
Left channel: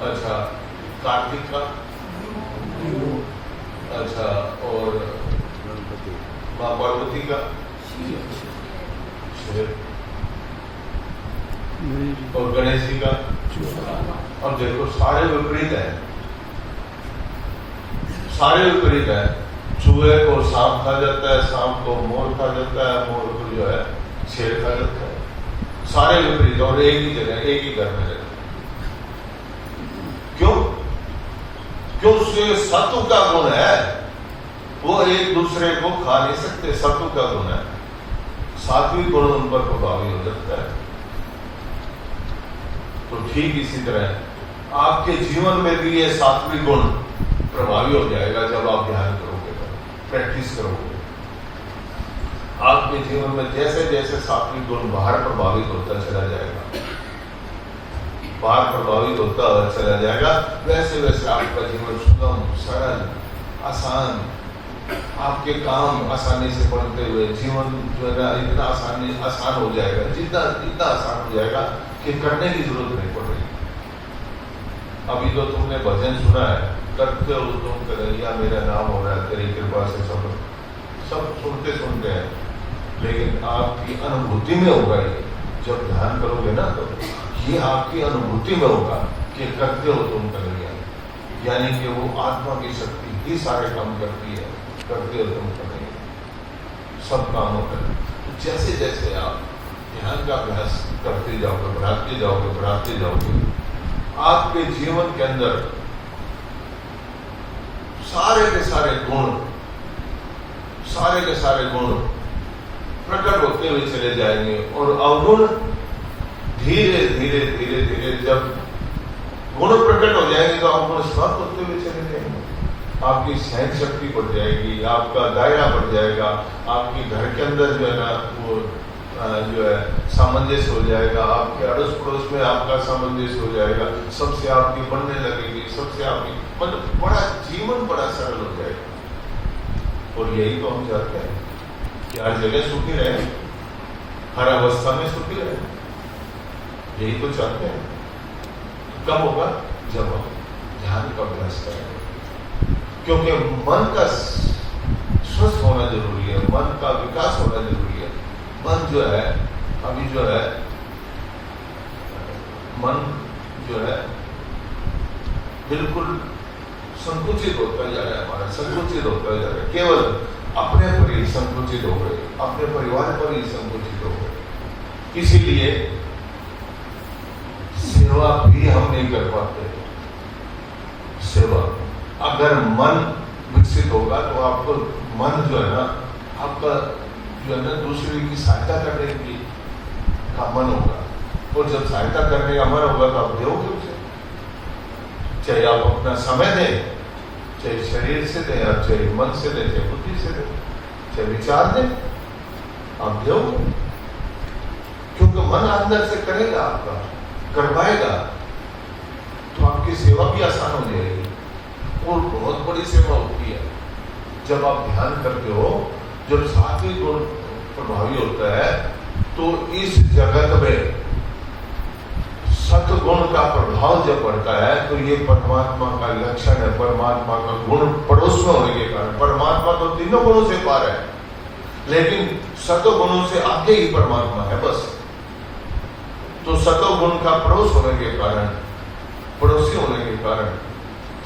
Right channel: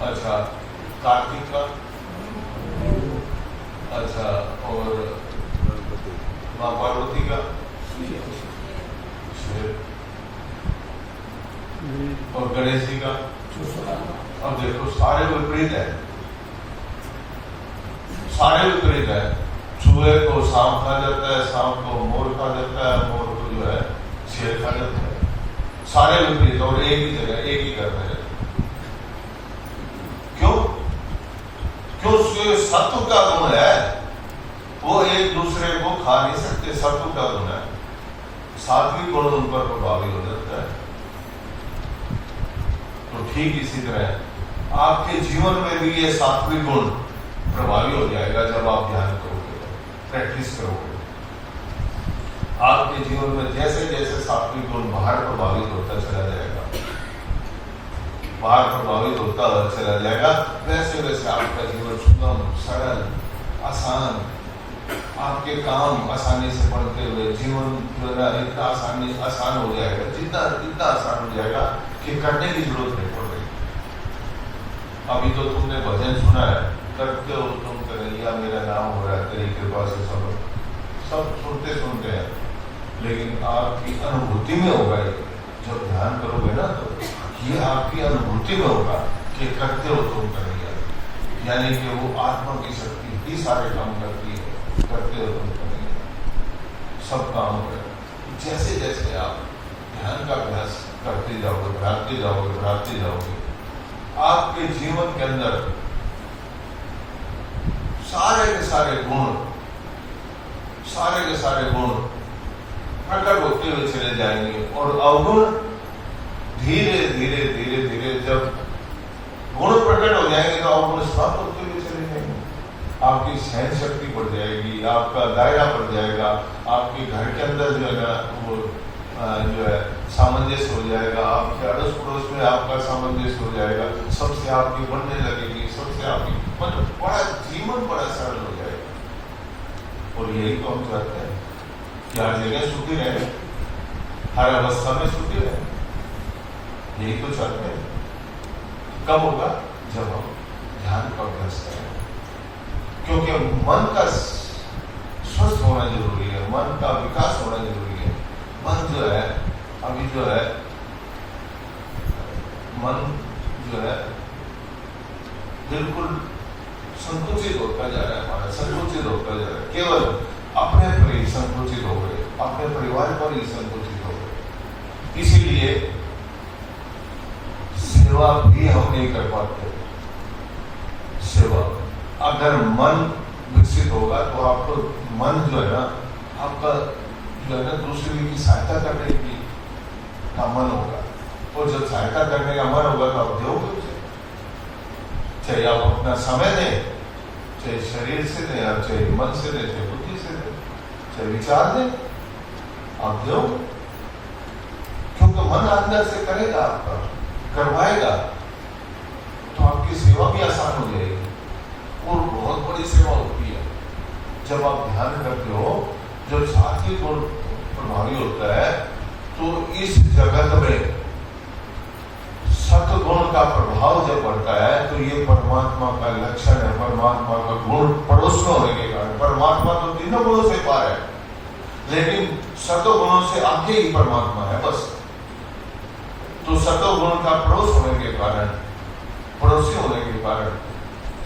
अच्छा, कार्तिक का? अच्छा, और माँ पार्वती का? और गणेश जी का? अब देखो सारे विपरीत है। चूहे को सांप खा जाता है, सांप को मोर खा जाता है, मोर को जो है शेर खा जाता है। सारे विपरीत, और एक ही जगह एक ही घर में रहते। क्यों? सत्व का गुण है, वो एक दूसरे को खा नहीं सकते। सत्व का गुण है, सात्विक गुण उन पर प्रभावी हो जाता है। तो ठीक इसी तरह आपके जीवन में भी ये सात्विक गुण प्रभावी हो जाएगा जब आप ध्यान करोगे, प्रैक्टिस करोगे। आपके जीवन में जैसे जैसे सात्विक गुण बाहर प्रभावित होता चला जाएगा, वैसे वैसे आपका जीवन सुगम, सरल, आसान, आपके काम आसानी से बढ़ते हुए जीवन इतना आसान हो जाएगा, इतना आसान हो जाएगा कि करने की जरूरत नहीं पड़ेगी। अभी तो तुमने भजन सुना है, करते हो तुम कन्हैया मेरा नाम हो रहा है तेरी कृपा से, सब सुनते हैं, लेकिन आपकी अनुभूति में होगा। जब ध्यान करोगे ना तो ये आपकी अनुभूति में होगा कि करते हो तुम कन्हैया, यानी कि वो आत्मा की शक्ति ही सारे काम करती है। करते हो तुम कन्हैया, सब काम होता है। जैसे जैसे आप ध्यान का अभ्यास करते जाओगे, बढ़ाते जाओगे, आपके जीवन के अंदर सारे के सारे गुण प्रकट होते हुए चले जाएंगे। और अवगुण धीरे धीरे जब गुण प्रकट हो जाएंगे तो अवगुण समाप्त होते हुए चले जाएंगे। आपकी सहन शक्ति बढ़ जाएगी, आपका दायरा बढ़ जाएगा, आपके घर के अंदर जो है ना वो जो है सामंजस्य हो जाएगा, आपके अड़ोस पड़ोस में आपका सामंजस्य हो जाएगा, सबसे आपकी बनने लगेगी, सबसे आपकी बड़ा जीवन बड़ा सरल हो जाएगा। और यही तो हम चाहते हैं कि हर जगह सुखी रहे, हर अवस्था में सुखी रहे, यही तो चाहते हैं। कब होगा? जब हम ध्यान का अभ्यास करेंगे, क्योंकि मन का स्वस्थ होना जरूरी है, मन का विकास होना जरूरी है। मन जो है अभी जो है मन जो है बिल्कुल संकुचित होता जा रहा है, हमारा संकुचित होता जा रहा है, केवल अपने पर ही संकुचित हो गए, अपने परिवार पर ही संकुचित हो गए। इसीलिए सेवा भी हम नहीं कर पाते। सेवा, अगर मन विकसित होगा तो आपको मन जो है ना, आपका जो है ना दूसरे की सहायता करने की का मन होगा, और जब सहायता करने का मन होगा तो आप दोगे उसे, चाहे आप अपना समय दें, चाहे शरीर से दें, और चाहे मन से दें, चाहे बुद्धि से दें, चाहे विचार दें, आप दो, क्योंकि मन अंदर से करेगा, आपका करवाएगा, तो आपकी सेवा भी आसान हो जाएगी। और बहुत बड़ी सेवा होती है जब आप ध्यान करते हो, जब सात्विक गुण प्रभावी होता है, तो इस जगत में सत्गुण का प्रभाव जब पड़ता है तो ये परमात्मा का लक्षण है, परमात्मा का गुण पड़ोस में होने के कारण। परमात्मा तो तीनों गुणों से पार है, लेकिन सत्गुणों से आगे ही परमात्मा है बस। तो सत्गुण का पड़ोस होने के कारण, पड़ोसी होने के कारण,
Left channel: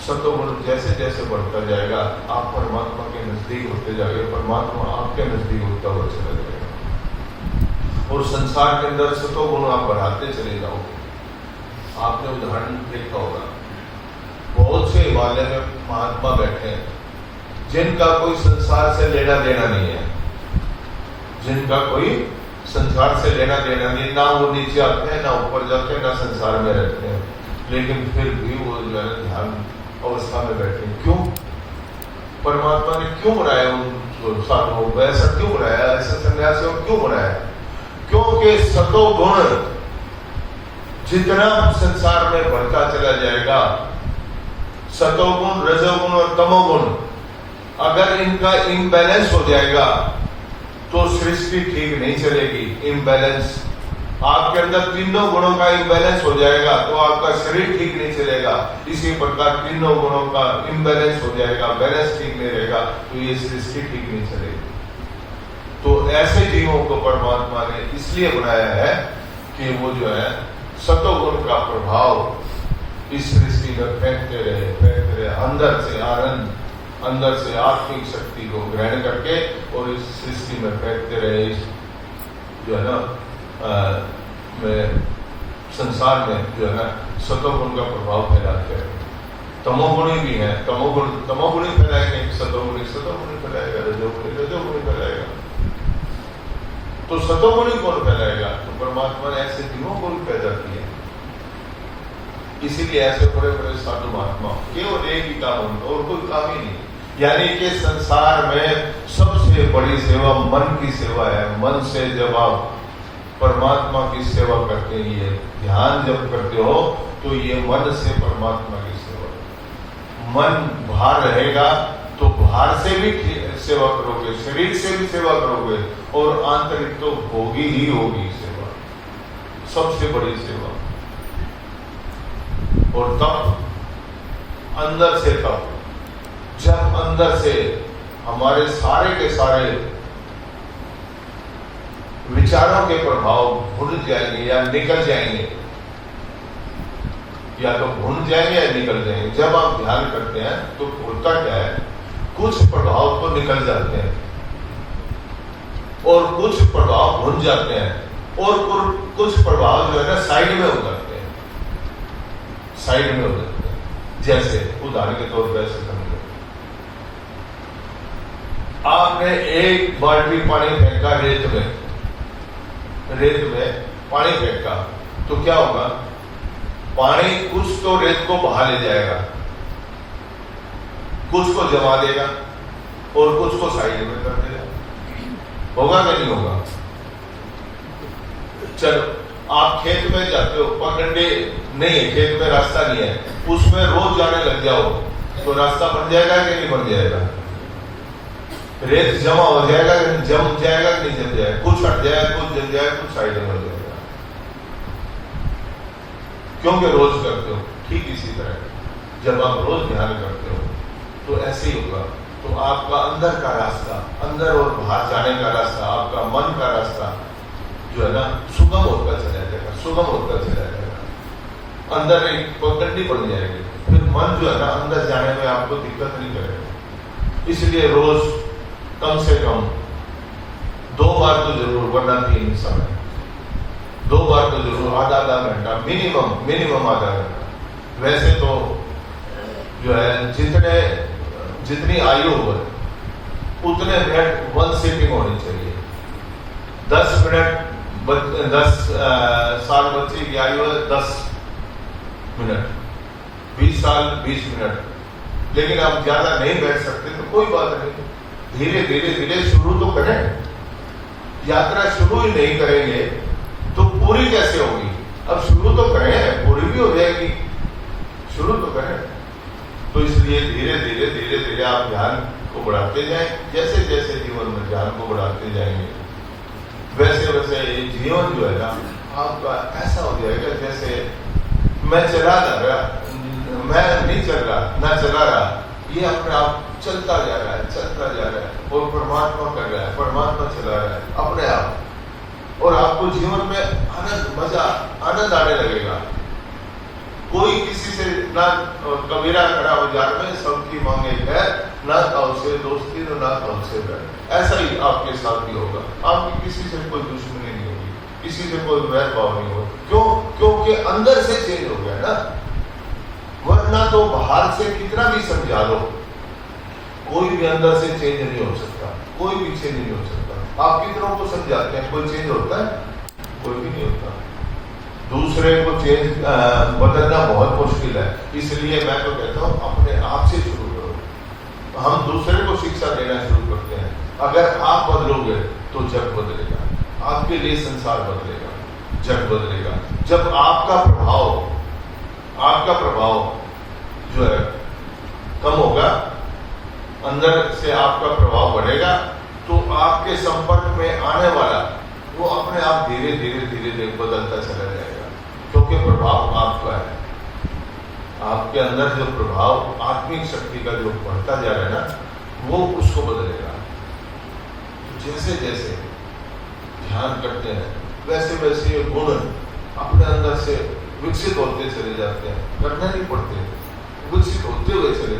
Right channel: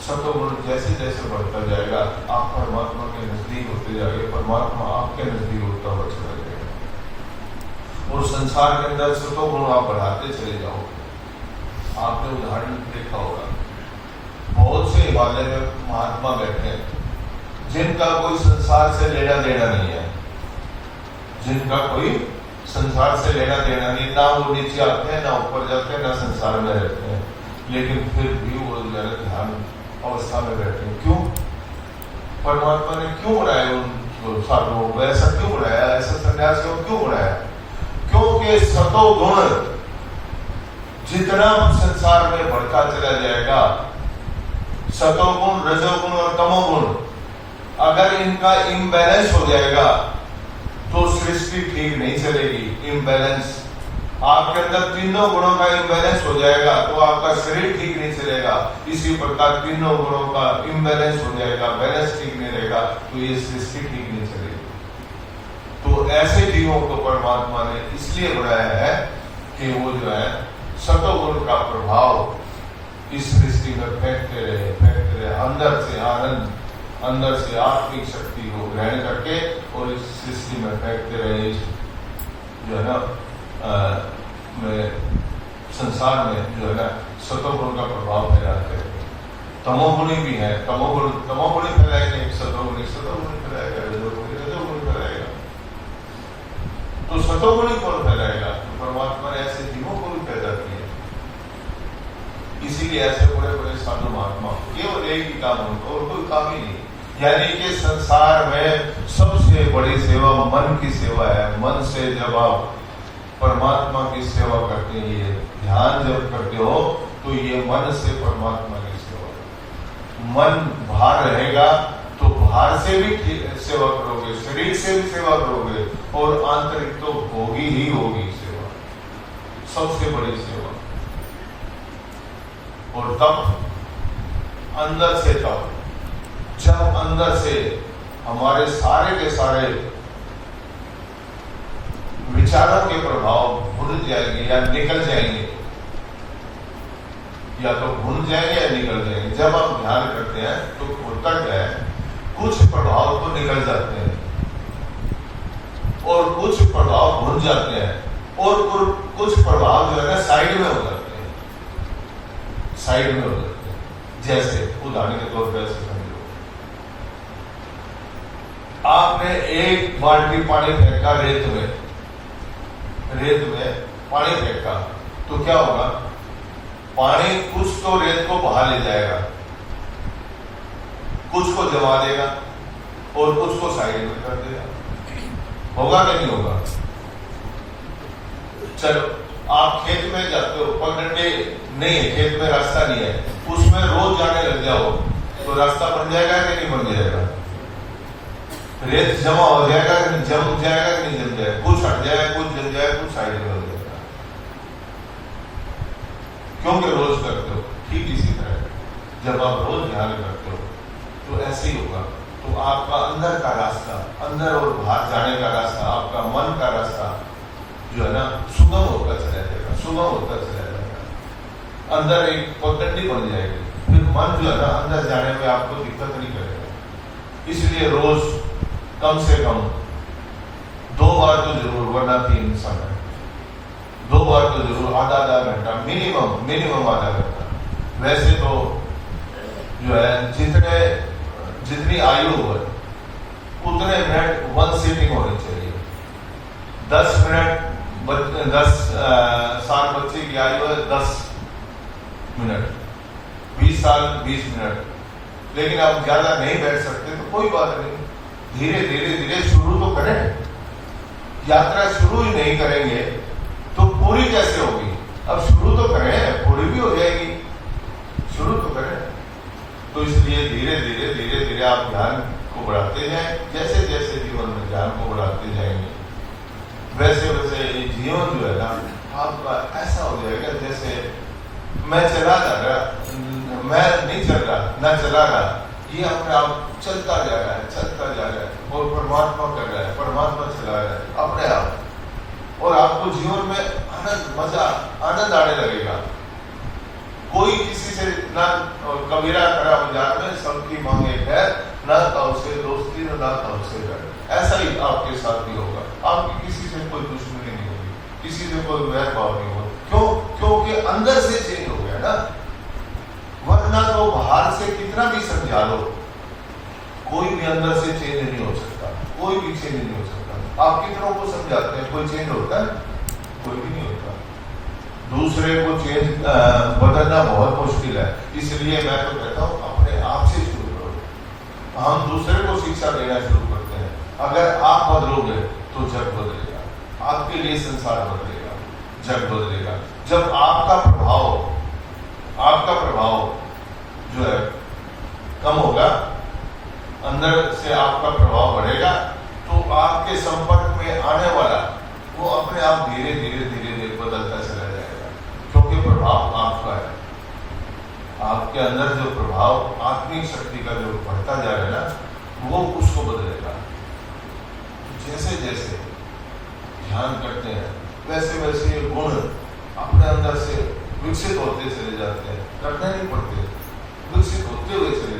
सत्गुण जैसे जैसे बढ़ता जाएगा, आप परमात्मा के नजदीक होते जाएंगे, परमात्मा आपके नजदीक होता हुआ चला जाएगा। और संसार के अंदर सत्गुण आप बढ़ाते चले जाओगे। आपने उदाहरण देखा होगा, बहुत से हिमालय में महात्मा बैठे हैं जिनका कोई संसार से लेना देना नहीं है, जिनका कोई संसार से लेना देना नहीं, ना वो नीचे आते हैं, ना ऊपर जाते हैं, ना संसार में रहते हैं, लेकिन फिर भी वो ध्यान अवस्था में बैठे हैं। क्यों? परमात्मा ने क्यों बनाया उन साधुओं को? ऐसा क्यों बनाया? ऐसे सन्यासियों को क्यों बनाया? क्योंकि सतोगुण जितना संसार में बढ़ता चला जाएगा, सतोगुण, रजोगुण और तमोगुण, अगर इनका इम्बैलेंस हो जाएगा तो सृष्टि ठीक नहीं चलेगी। इम्बैलेंस, आपके अंदर तीनों गुणों का इम्बैलेंस हो जाएगा तो आपका शरीर ठीक नहीं चलेगा। इसी प्रकार तीनों गुणों का इम्बैलेंस हो जाएगा, बैलेंस ठीक नहीं रहेगा तो ये सृष्टि ठीक नहीं चलेगी। तो ऐसे जीवों को परमात्मा ने इसलिए बनाया है कि वो जो है सतोगुण का प्रभाव इस सृष्टि में फेंकते रहे, अंदर से आनंद, अंदर से आत्मिक शक्ति को ग्रहण करके और इस सृष्टि में फेंकते रहे। जो है ना संसार में जो है ना सतोगुण का प्रभाव फैलाते हैं। तमोगुणी भी है, तमोगुणी फैलाएंगे, सतोगुणी फैलाएगा, रजोगुणी फैलाएगा। तो सतोगुणी कौन फैलाएगा? तो परमात्मा ने ऐसे जीवों को भी पैदा किया। इसीलिए ऐसे बड़े बड़े साधु महात्मा केवल एक ही काम उनको, और कोई काम ही नहीं। यानी कि संसार में सबसे बड़ी सेवा मन की सेवा है। मन से जब आप परमात्मा की सेवा करते हैं, ध्यान जब करते हो तो ये मन से परमात्मा की सेवा। मन बाहर रहेगा तो बाहर से भी सेवा करोगे, शरीर से भी सेवा करोगे, और आंतरिक तो होगी ही होगी सेवा, सबसे बड़ी सेवा। और तब अंदर से, तब जब अंदर से हमारे सारे के सारे विचारों के प्रभाव भूल जाएंगे या निकल जाएंगे, या तो भूल जाएंगे या निकल जाएंगे। जब आप ध्यान करते हैं तो होता क्या है, कुछ प्रभाव तो निकल जाते हैं और कुछ प्रभाव भूल जाते हैं, और कुछ प्रभाव जो है ना साइड में हो जाते हैं, साइड में हो जाते हैं। जैसे उदाहरण के तौर पर ऐसे समझो, आपने एक बाल्टी पानी फेंका रेत में पानी फेंका तो क्या होगा? पानी कुछ तो रेत को बहा ले जाएगा, कुछ को जमा देगा और कुछ को साइड में कर देगा। होगा कि नहीं होगा? चलो, आप खेत में जाते हो, पगडंडे नहीं है, खेत में रास्ता नहीं है, उसमें रोज जाने लग जाओ तो रास्ता बन जाएगा कि नहीं बन जाएगा? रेत जमा हो जाएगा, जम जाएगा कि नहीं जम जाएगा? कुछ हट जाएगा, कुछ जम जाएगा, कुछ साइड में हो जाएगा। क्योंकि रोज करते हो। ठीक इसी तरह जब आप रोज ध्यान करते हो तो ऐसे ही होगा। तो आपका अंदर का रास्ता, अंदर और बाहर जाने का रास्ता, आपका मन का रास्ता जो है ना सुगम होता चला जाएगा, सुगम होता चला जाएगा। अंदर एक पगडंडी बन जाएगी, फिर मन जो है ना अंदर जाने में आपको दिक्कत नहीं करेगा। इसलिए रोज कम से कम 2 बार तो जरूर, वरना 3 समय 2 बार तो जरूर, आधा घंटा मिनिमम आधा घंटा। वैसे तो जो है जितनी आयु हो उतने मिनट 1 सिटिंग होनी चाहिए। 10 मिनट 10 साल बच्चे की आयु है 10 मिनट, 20 साल 20 मिनट। लेकिन आप ज्यादा नहीं बैठ सकते तो कोई बात नहीं, धीरे शुरू तो करें। यात्रा शुरू ही नहीं करेंगे तो पूरी कैसे होगी? अब शुरू तो करें, पूरी भी हो जाएगी, शुरू तो करें। तो इसलिए धीरे आप ध्यान को बढ़ाते जाएं। जैसे जैसे जीवन में ध्यान को बढ़ाते जाएंगे वैसे वैसे ये जीवन जो है ना आपका ऐसा हो जाएगा जैसे मैं चला जा रहा, मैं नहीं चल रहा, मैं चला रहा, ये अपने आप चलता जा रहा है और परमात्मा कर रहा है, परमात्मा चला रहा है अपने आप। और आपको जीवन में आनंद आने लगेगा। कोई किसी से ना कबीरा खड़ा हो जाने में सबकी मांगे खैर, ना ताऊ से दोस्ती ना ताऊ से बैर। ऐसा ही आपके साथ भी होगा। आपकी किसी से कोई दुश्मनी नहीं होगी, किसी से कोई वैर भाव नहीं हो। क्यों? क्योंकि अंदर से चेंज हो गया ना। वरना तो बाहर से कितना भी समझा लो, कोई भी अंदर से चेंज नहीं हो सकता, कोई भी चेंज नहीं हो सकता। आप कितनों को समझाते हैं, कोई चेंज होता है? कोई भी नहीं होता। दूसरे को चेंज बदलना बहुत मुश्किल है। इसलिए मैं तो कहता हूं अपने आप से शुरू करो। हम दूसरे को शिक्षा देना शुरू करते हैं। अगर आप बदलोगे तो जग बदलेगा, आपके लिए संसार बदलेगा, जग बदलेगा। जब आपका प्रभाव जो है कम होगा, अंदर से आपका प्रभाव बढ़ेगा, तो आपके संपर्क में आने वाला वो अपने आप धीरे धीरे बदलता चला जाएगा। क्योंकि प्रभाव आपका है। आपके अंदर जो प्रभाव आत्मिक शक्ति का जो बढ़ता जा रहा है ना, वो उसको बदलेगा। जैसे जैसे ध्यान करते हैं वैसे वैसे गुण अपने अंदर से विकसित होते चले जाते हैं। करना नहीं पड़ते, विकसित होते हुए चले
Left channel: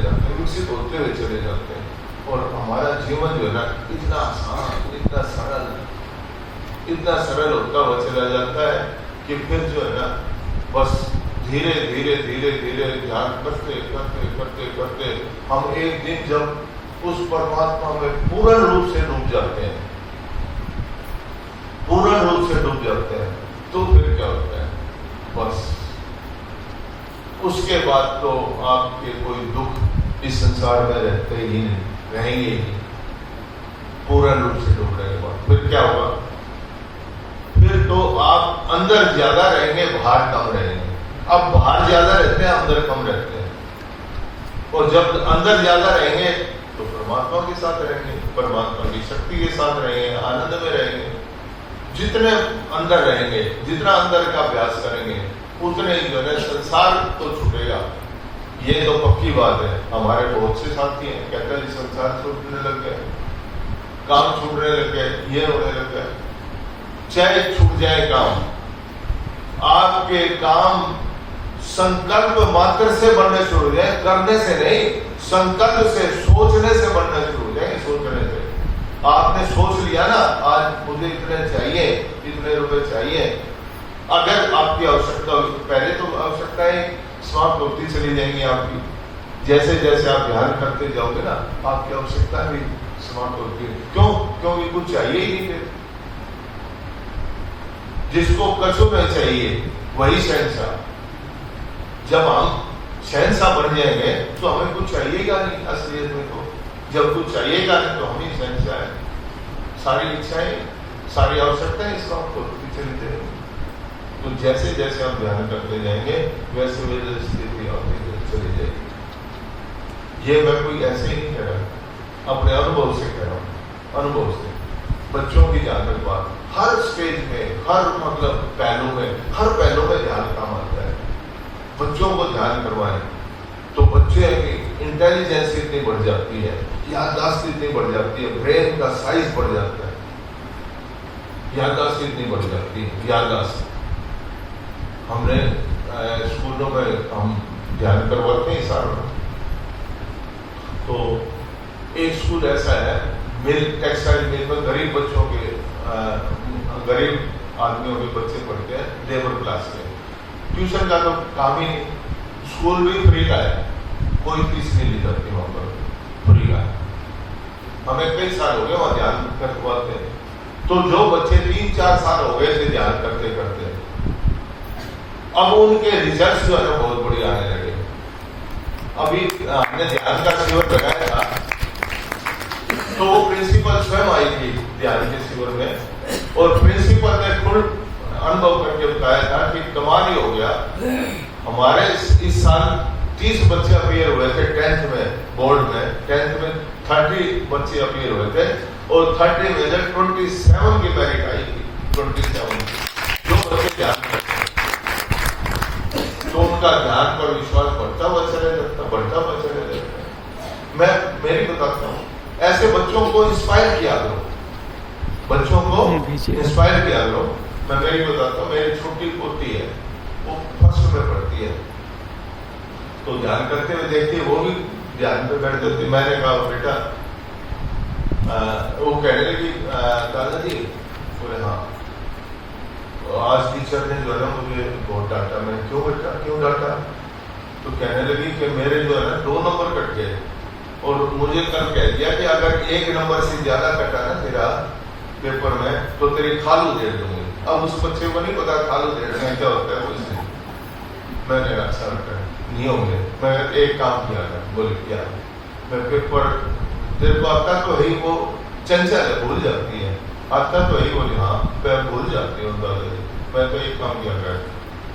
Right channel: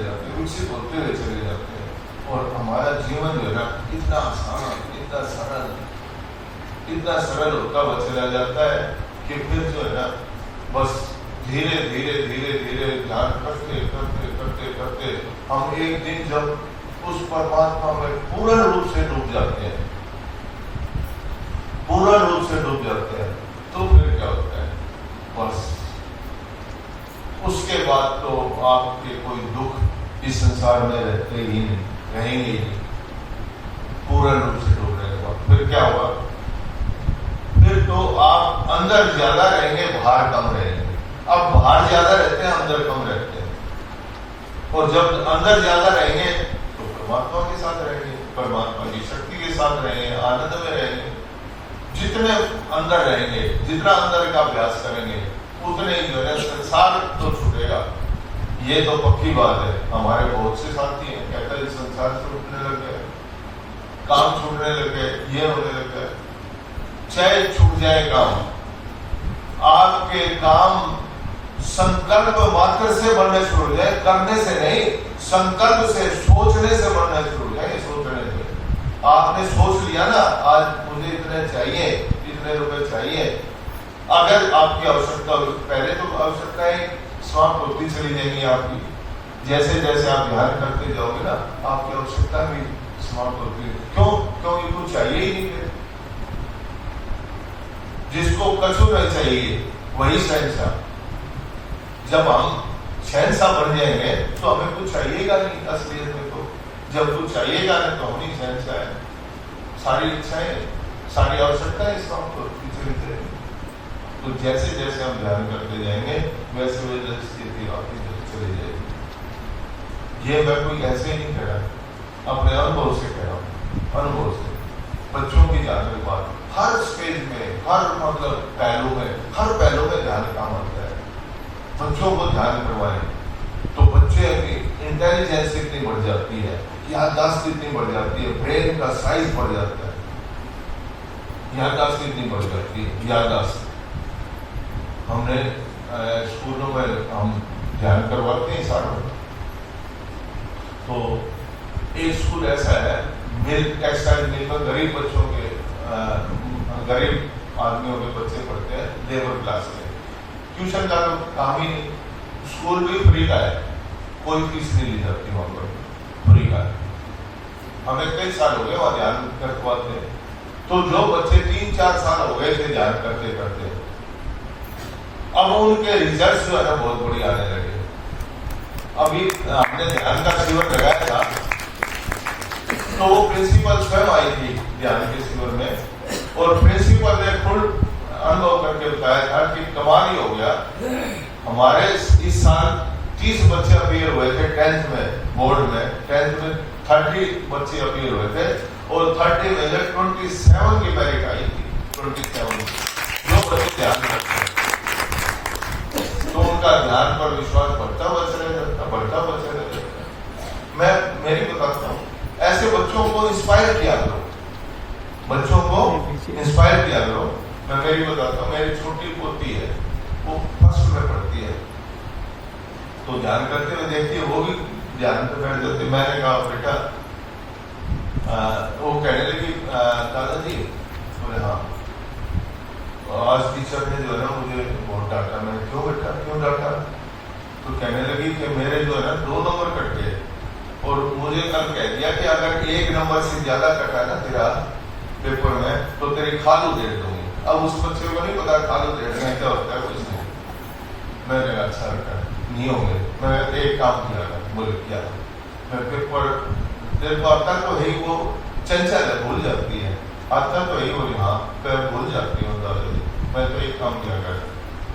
जाते हैं। और हमारा जीवन जो है ना इतना आसान, इतना सरल होता हुआ चला जाता है कि फिर जो है ना बस धीरे धीरे ध्यान करते हम एक दिन जब उस परमात्मा में पूर्ण रूप से डूब जाते हैं, तो फिर क्या होता है? बस उसके बाद तो आपके कोई दुख इस संसार में रहेंगे ही नहीं। पूर्ण रूप से डूबने के बाद फिर क्या हुआ? फिर तो आप अंदर ज्यादा रहेंगे, बाहर कम रहेंगे। अब बाहर ज्यादा रहते हैं, अंदर कम रहते हैं। और जब अंदर ज्यादा रहेंगे तो परमात्मा के साथ रहेंगे, परमात्मा की शक्ति के साथ रहेंगे, आनंद में रहेंगे। जितने अंदर रहेंगे, जितना अंदर का अभ्यास करेंगे, उतने ही जो है संसार तो छूटेगा। ये तो पक्की बात है। हमारे बहुत से साथी हैं कहते हैं संसार से उठने लग गया, काम छूटने लग गए, ये होने लग गया। चाहे छूट जाए काम, आपके काम संकल्प मात्र से बनने शुरू हो जाए, करने से नहीं, संकल्प से, सोचने से बनना शुरू हो जाएंगे। सोचने से आपने सोच लिया ना आज मुझे इतने चाहिए, इतने रुपए चाहिए। अगर आपकी आवश्यकता, पहले तो आवश्यकताएं समाप्त होती चली जाएंगी आपकी। जैसे जैसे आप ध्यान करते जाओगे ना आपकी आवश्यकता भी समाप्त होती है। क्यों? क्योंकि कुछ चाहिए ही नहीं। जिसको कछु नहीं चाहिए वही शहंशाह। जब हम शहंशाह बन जाएंगे तो हमें कुछ चाहिएगा नहीं। असलियत में तो जब कुछ चाहिएगा नहीं तो हम ही शहंशाह है। सारी इच्छाएं, सारी आवश्यकताएं समाप्त होती चली जाएंगी। तो जैसे जैसे हम ध्यान करते जाएंगे वैसे वैसे स्थिति आपकी चली जाएगी। ये मैं कोई ऐसे ही नहीं कह रहा, अपने अनुभव से कह रहा हूँ। अनुभव से बच्चों की जाने के बाद हर स्टेज में, हर हर पहलू में ध्यान काम आता है। बच्चों को ध्यान करवाएं तो बच्चे की इंटेलिजेंस इतनी बढ़ जाती है, याददाश्त इतनी बढ़ जाती है, ब्रेन का साइज बढ़ जाता है। याददाश्त कितनी बढ़ जाती है। याददाश्त हमने स्कूलों में हम ध्यान करवाते हैं सारों। तो एक स्कूल ऐसा है मिलकर गरीब बच्चों के गरीब आदमियों के बच्चे पढ़ते हैं, लेबर क्लास के। ट्यूशन का तो काम ही नहीं, स्कूल भी फ्री का है, कोई फीस नहीं ली जाती वहां पर, फ्री का है। हमें कई साल हो गए वहां ध्यान करवाते हैं। तो जो बच्चे 3-4 साल हो गए थे ध्यान करते करते, अब उनके रिजल्ट जो है बहुत बढ़िया आने लगे। अभी हमने ध्यान का शिविर लगाया था, तो वो प्रिंसिपल स्वयं आई थी ध्यान के शिविर में, और प्रिंसिपल ने खुद अनुभव करके बताया था कि कमाल ही हो गया। हमारे इस साल 30 बच्चे अपीयर हुए थे 10th में, बोर्ड में 10th में 30 बच्चे अपीयर हुए थे, और 30 में 27 की मेरिट आई थी। 27 जो बच्चे ध्यान करते हैं, तो उनका ध्यान पर विश्वास बढ़ता बढ़ता चले जाता। मैं मेरी बताता हूँ, ऐसे बच्चों को इंस्पायर किया करो, बच्चों को इंस्पायर किया करो। मैं मेरी बताता हूँ, मेरी छोटी पोती है, वो 1st में पढ़ती है, तो ध्यान करते हुए देखती है, वो भी ध्यान पे बैठ जाती। मैंने कहा बेटा, वो कहने लगी दादाजी, बोले हाँ, तो आज टीचर ने जो है ना मुझे बहुत डांटा। मैं क्यों बेटा, क्यों डांटा? तो कहने लगी कि मेरे जो है 2 नंबर कट गए, और मुझे कल कह दिया कि अगर 1 नंबर से ज्यादा कटा ना तेरा पेपर में, तो तेरी खालू दे दूंगी। अब उस बच्चे को नहीं पता खालू दे देना क्या होता है कुछ नहीं। मैंने अच्छा बेटा नहीं होंगे। मैं एक काम किया था, बोले क्या? मैं पेपर तेरे को आता तो है ही, वो चंचल है, भूल जाती है, आता तो ही। बोली हाँ, पैर भूल जाती हूँ दादाजी। मैं तो एक काम किया कर,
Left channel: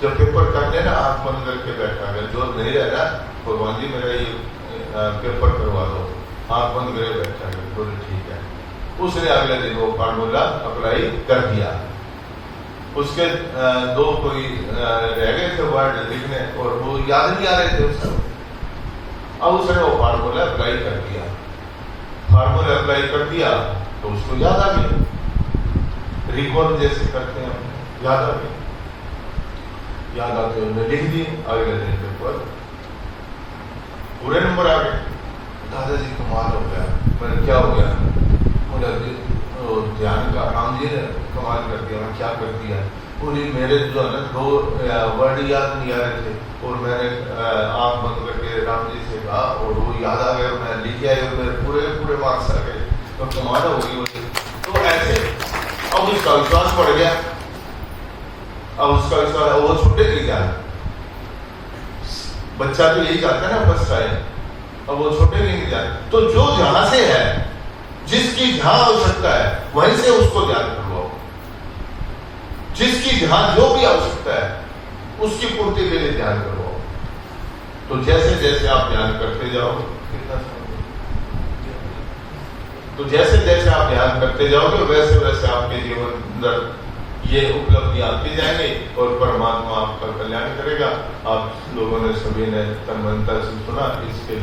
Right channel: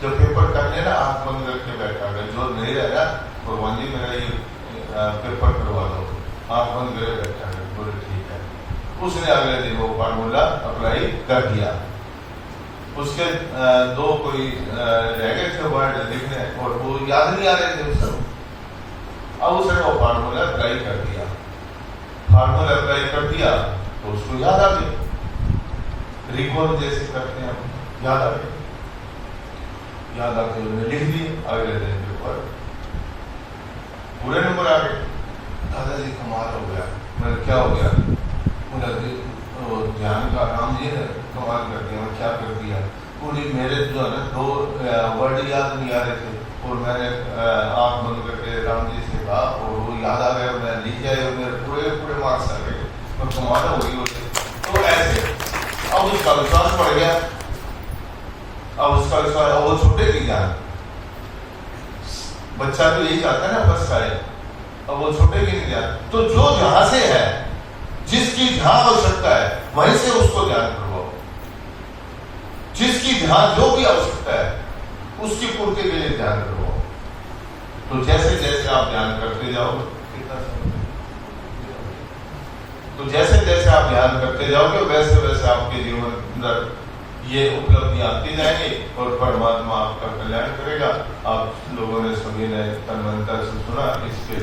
जब पेपर कर लेना आंख बंद करके बैठा कर, जो नहीं रह रहा भगवान जी मेरा ये पेपर करवा दो, आंख बंद करे बैठा कर। बोले ठीक है। उसने अगले दिन वो फार्मूला अप्लाई कर दिया। उसके 2 कोई रह गए थे वर्ड लिखने, और वो याद नहीं आ रहे थे उसको। अब उसने वो फार्मूला अप्लाई कर दिया। फार्मूला अप्लाई कर दिया तो उसको याद आ गया, रिकॉर्ड जैसे करते हैं हम, याद आ गया। याद आते हुए लिख दिए। अगले दिन पेपर पूरे नंबर आ गए। दादाजी कमाल हो गया। मैंने क्या हो गया? ध्यान का काम जी ने कमाल कर दिया। मैं क्या कर दिया? बोली मेरे जो है ना 2 वर्ड याद नहीं आ रहे थे, और मैंने आंख बंद करके राम जी से कहा, और वो याद आ गया, मैं लिख गया, और मेरे पूरे मार्क्स आ गए। तो कमाल होगी उसे। तो ऐसे अब उसका विश्वास बढ़ गया। अब उसका विश्वास, वो छूटेगी ध्यान। बच्चा तो यही चाहता है ना, फर्स्ट आए, अब वो छूटेगी नहीं ध्यान। तो जो जहां से है, जिसकी जहां आवश्यकता है, वहीं से उसको ध्यान करवाओ। जिसकी ध्यान जो भी आवश्यकता है, उसकी पूर्ति के लिए ध्यान करवाओ। तो जैसे जैसे आप ध्यान करते जाओ, तो जैसे जैसे आप ध्यान करते जाओगे, वैसे वैसे आपके जीवन अंदर ये उपलब्धि आती जाएंगी, और परमात्मा आपका कल्याण करेगा। आप लोगों ने सभी ने तन्मयता से सुना, इसके